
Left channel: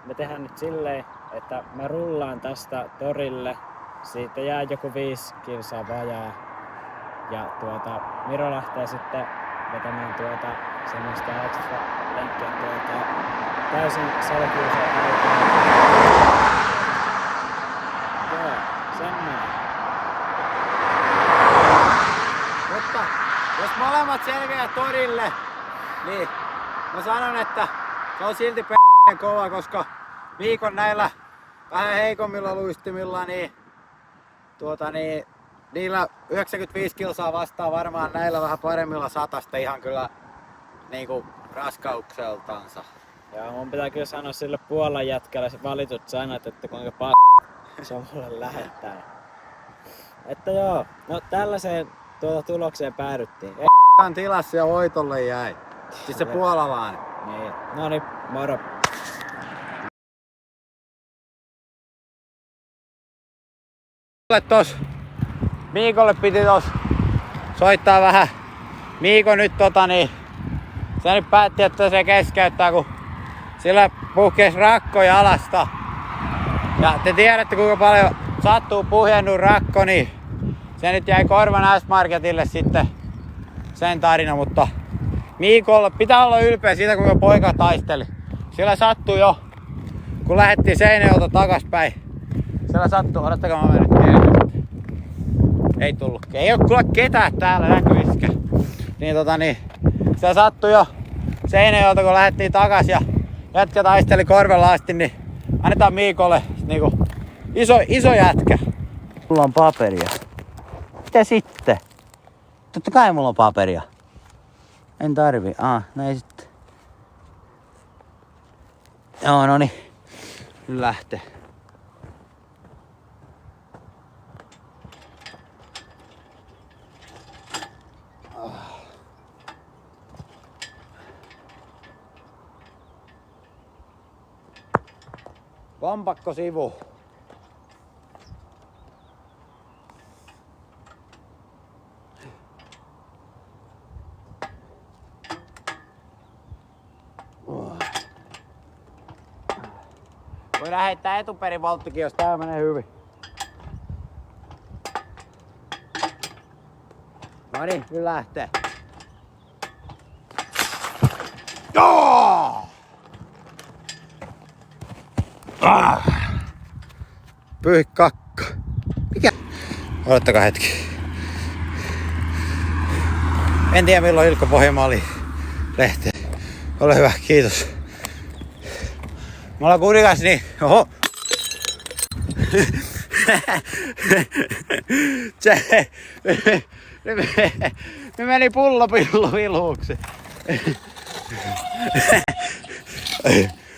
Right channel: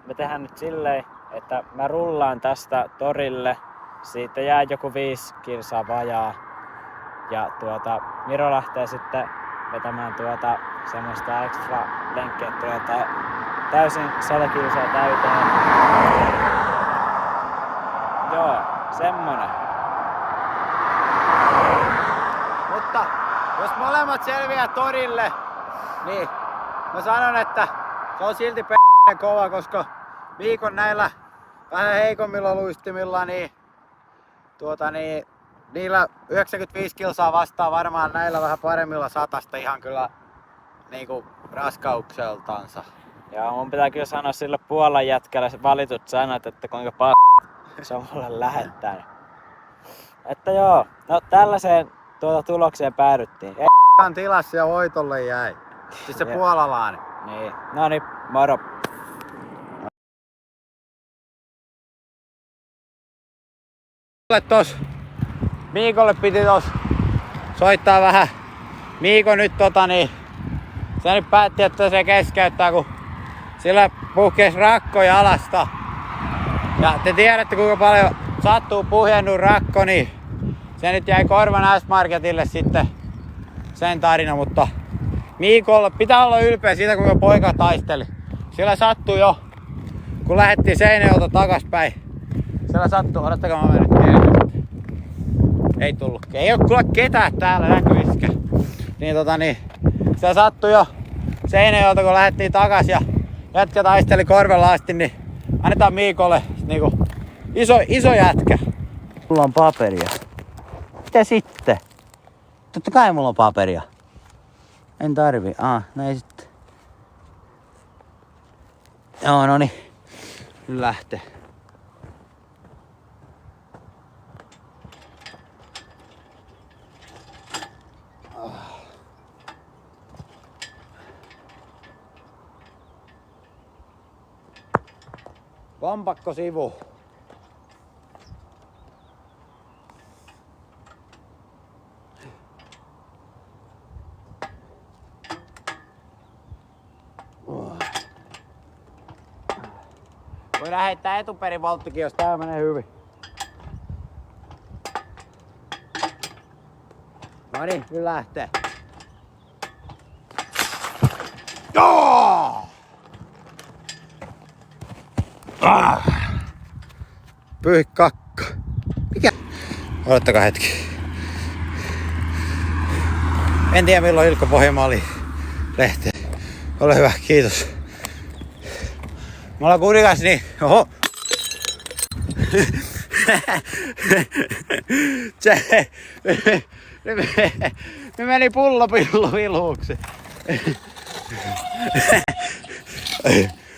me tehdään nyt silleen, että mä rullaan tästä torille. Siitä jää joku 5 kilsaa vajaa. Ja Miro lähtee sitten vetämään semmoista extra lenkkiä, että tulee täysin 100 kilsaa täyteen. Joo, semmonen. Mutta jos molemmat selviää torille, niin mä sanon, että se on silti kova, koska Miikon näillä vähän heikommilla luistimilla, niin niillä 95 kilsaa vastaa varmaan näillä vähän paremmilla 100 ihan kyllä niinku raskaukseltansa. Ja mun pitää kyllä sanoa sille Puolan jätkälle valitut sanat, että kuinka se on mulle lähettänyt. Että joo, no tällaiseen tulokseen päädyttiin. On tilassa ja voitolle jäi. Siis se puolalainen. Niin, no niin, moro. Miikolle piti soittaa vähän. Miiko nyt se nyt päätti, että se keskeyttää, kun sillä puhkesi rakko jalasta. Ja te tiedätte, kuinka paljon sattuu puhjennut rakko, niin se nyt jäi Korvan S-Marketille sitten sen tarina, mutta Miikolle pitää olla ylpeä siitä, kuinka poika taisteli. Sillä sattui jo, kun lähdettiin Seinäjoelta takaspäin. Sillä sattui, odottakaa mä menen nyt. Ei tullut. Ei oo kyllä ketään täällä näkyviskä. Niin se sattui jo Seinäjoelta, kun lähdettiin takas ja jätkä taisteli korvella asti, niin annetaan Miikolle niinku iso jätkä. Mulla on paperia. Mitä sitten? Totta kai mulla on paperia. En tarvi. Näin sitten. Joo, noni. Nyt lähtee. Kompakko sivu. Voi lähettää etuperin volttikin, jos tää menee hyvin. No niin, nyt lähtee. Joo! Pyhi kakka. Mikä? Odottakaa hetki. En tiedä milloin Ilkka Pohjanmaali lähtee. Ole hyvä, kiitos. Me ollaan kurikas niin. Oho. Ne meni pullopillu viluuksi.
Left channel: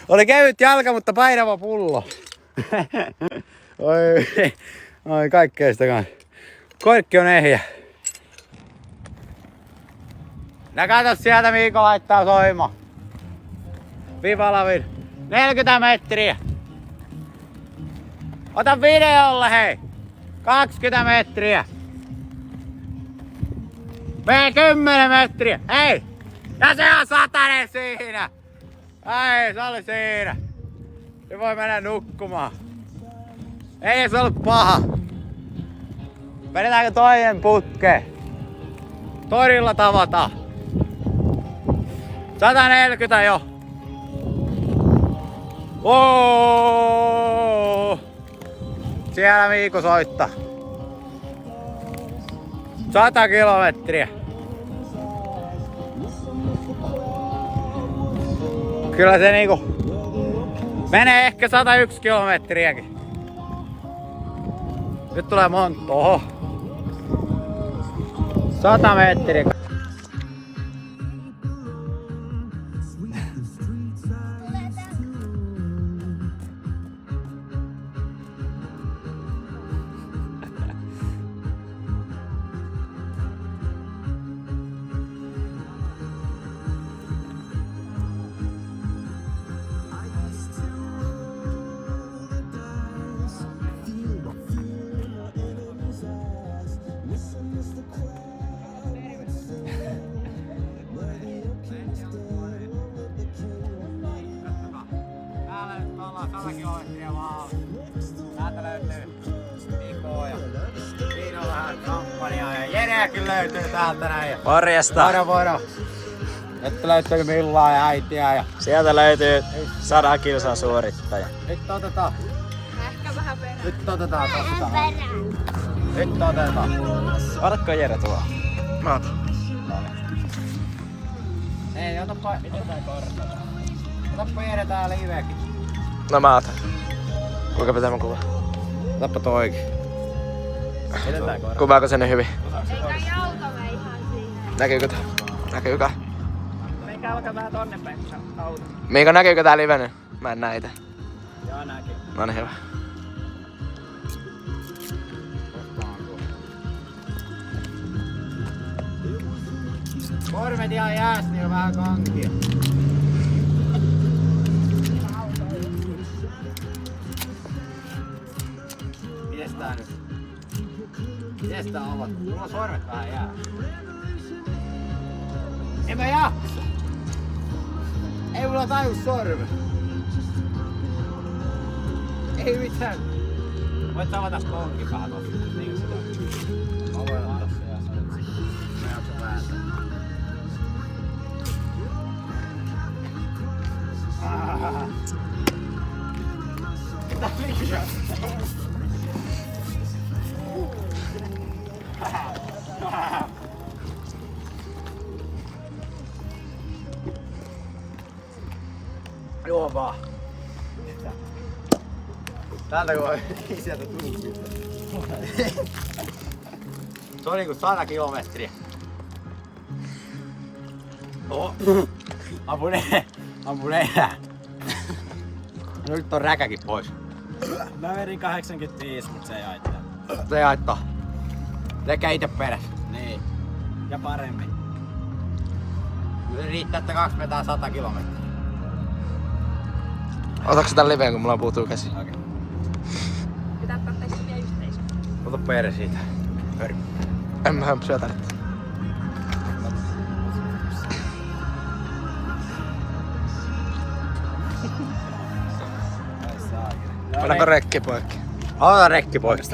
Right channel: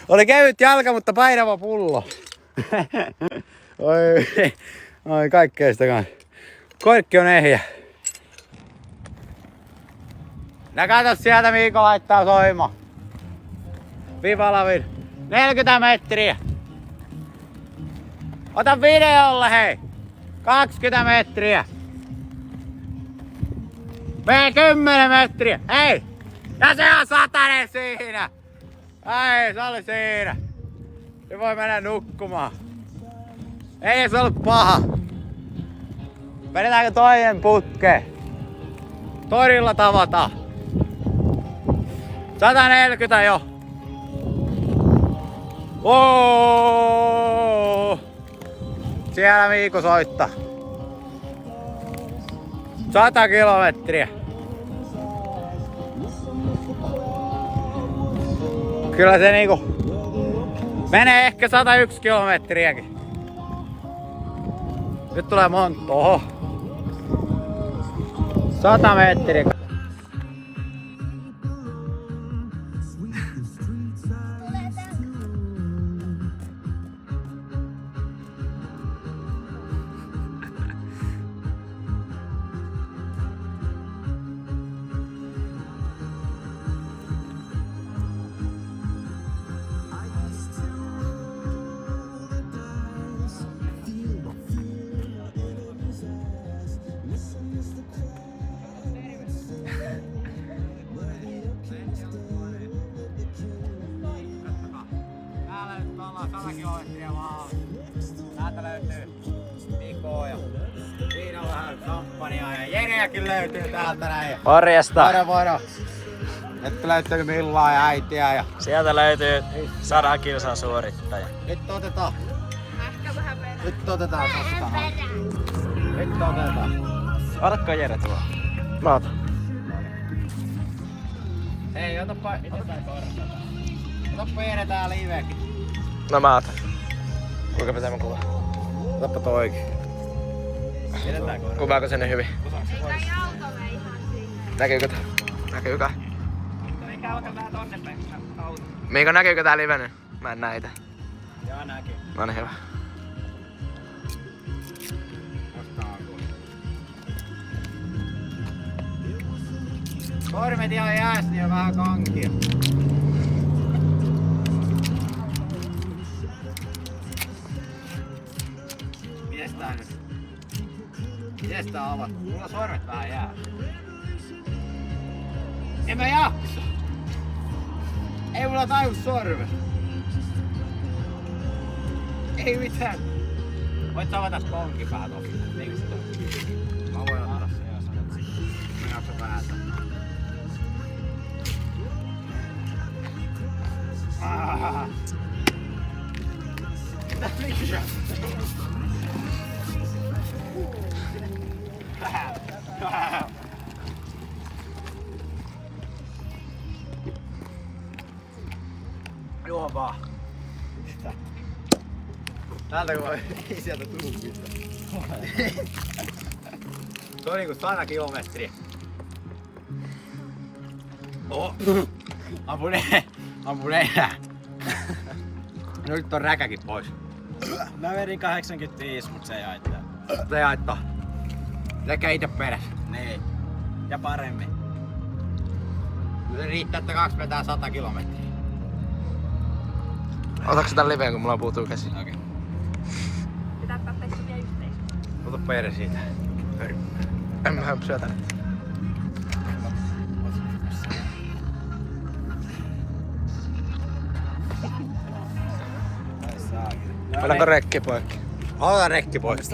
Oli kevyt jalka, mutta painava pullo. Oi kaikkea sitä kanssa. Korkki on ehjä. Nää kato sieltä Miiko laittaa soima. Vivalavin. 40 metriä. Ota videolle hei. 20 metriä. Mene 10 metriä. Hei. Ja se on 100 siinä. Ai, se oli siinä. Se voi mennä nukkumaan. Ei se ollut paha. Vedetäänkö toinen putke? Torilla tavataan. 140 jo. Oo! Siellä Miiko soittaa. 100 kilometriä. Kyllä se niinku menee ehkä 101 kilometriäkin. Nyt tulee monta. Oho. 100 metriä. Täällä nyt ollaan 100 kilometriä vaan. Täältä löytyy Mikoa ja siinä on vähän kampanjaa ja Jereäkin löytyy täältä näin. Morjesta! Moro. Nyt löytyy Millaa ja äitiä ja... Sieltä löytyy 100 kilsaa suorittaja. Nyt otetaan. Nyt otetaan. Varkko Jere tuo. Mä otan. Hei, otapa Jere tää livekin. No mä otan. Kuinka pitää mä kuvaa? Otapa toikin. Kuvaako sen hyvin? Näkyykö tää? Näkyykö? Miiko näkyykö tää livenä? Mä en näitä. Joo näkyy. No niin hyvä. Kormet ihan jäästi ja vähän kankia. Mites tää nyt? Mites tää avattu? Mulla sormet vähän jää. En mä jaksa! Ei mulla taju sormet. Ei mitään. Voit avata konkin vähän tossa. Niinkö se on? Mä voin ottaa se ja sanot sit. Mä jaksan vääntää. Joo vaan. Täältä kun sieltä tuupista. Se on niinku 100 kilometriä. Oho. Ampun enää. Nyt on räkäkin pois. Mä vedin 85, mut se ei haittaa. Se ei haittaa. Lekää ite perässä. Niin. Ja paremmin. Se riittää, että 2 vetää 100 kilometriä. Otatko sä tän liveen, kun mulla puutuu käsi? Okei. Pitää katsoa sekin yhteisö. Ota perä siitä. En mä syötä nyt. Pannaanko rekki poikki? Ota rekki pois.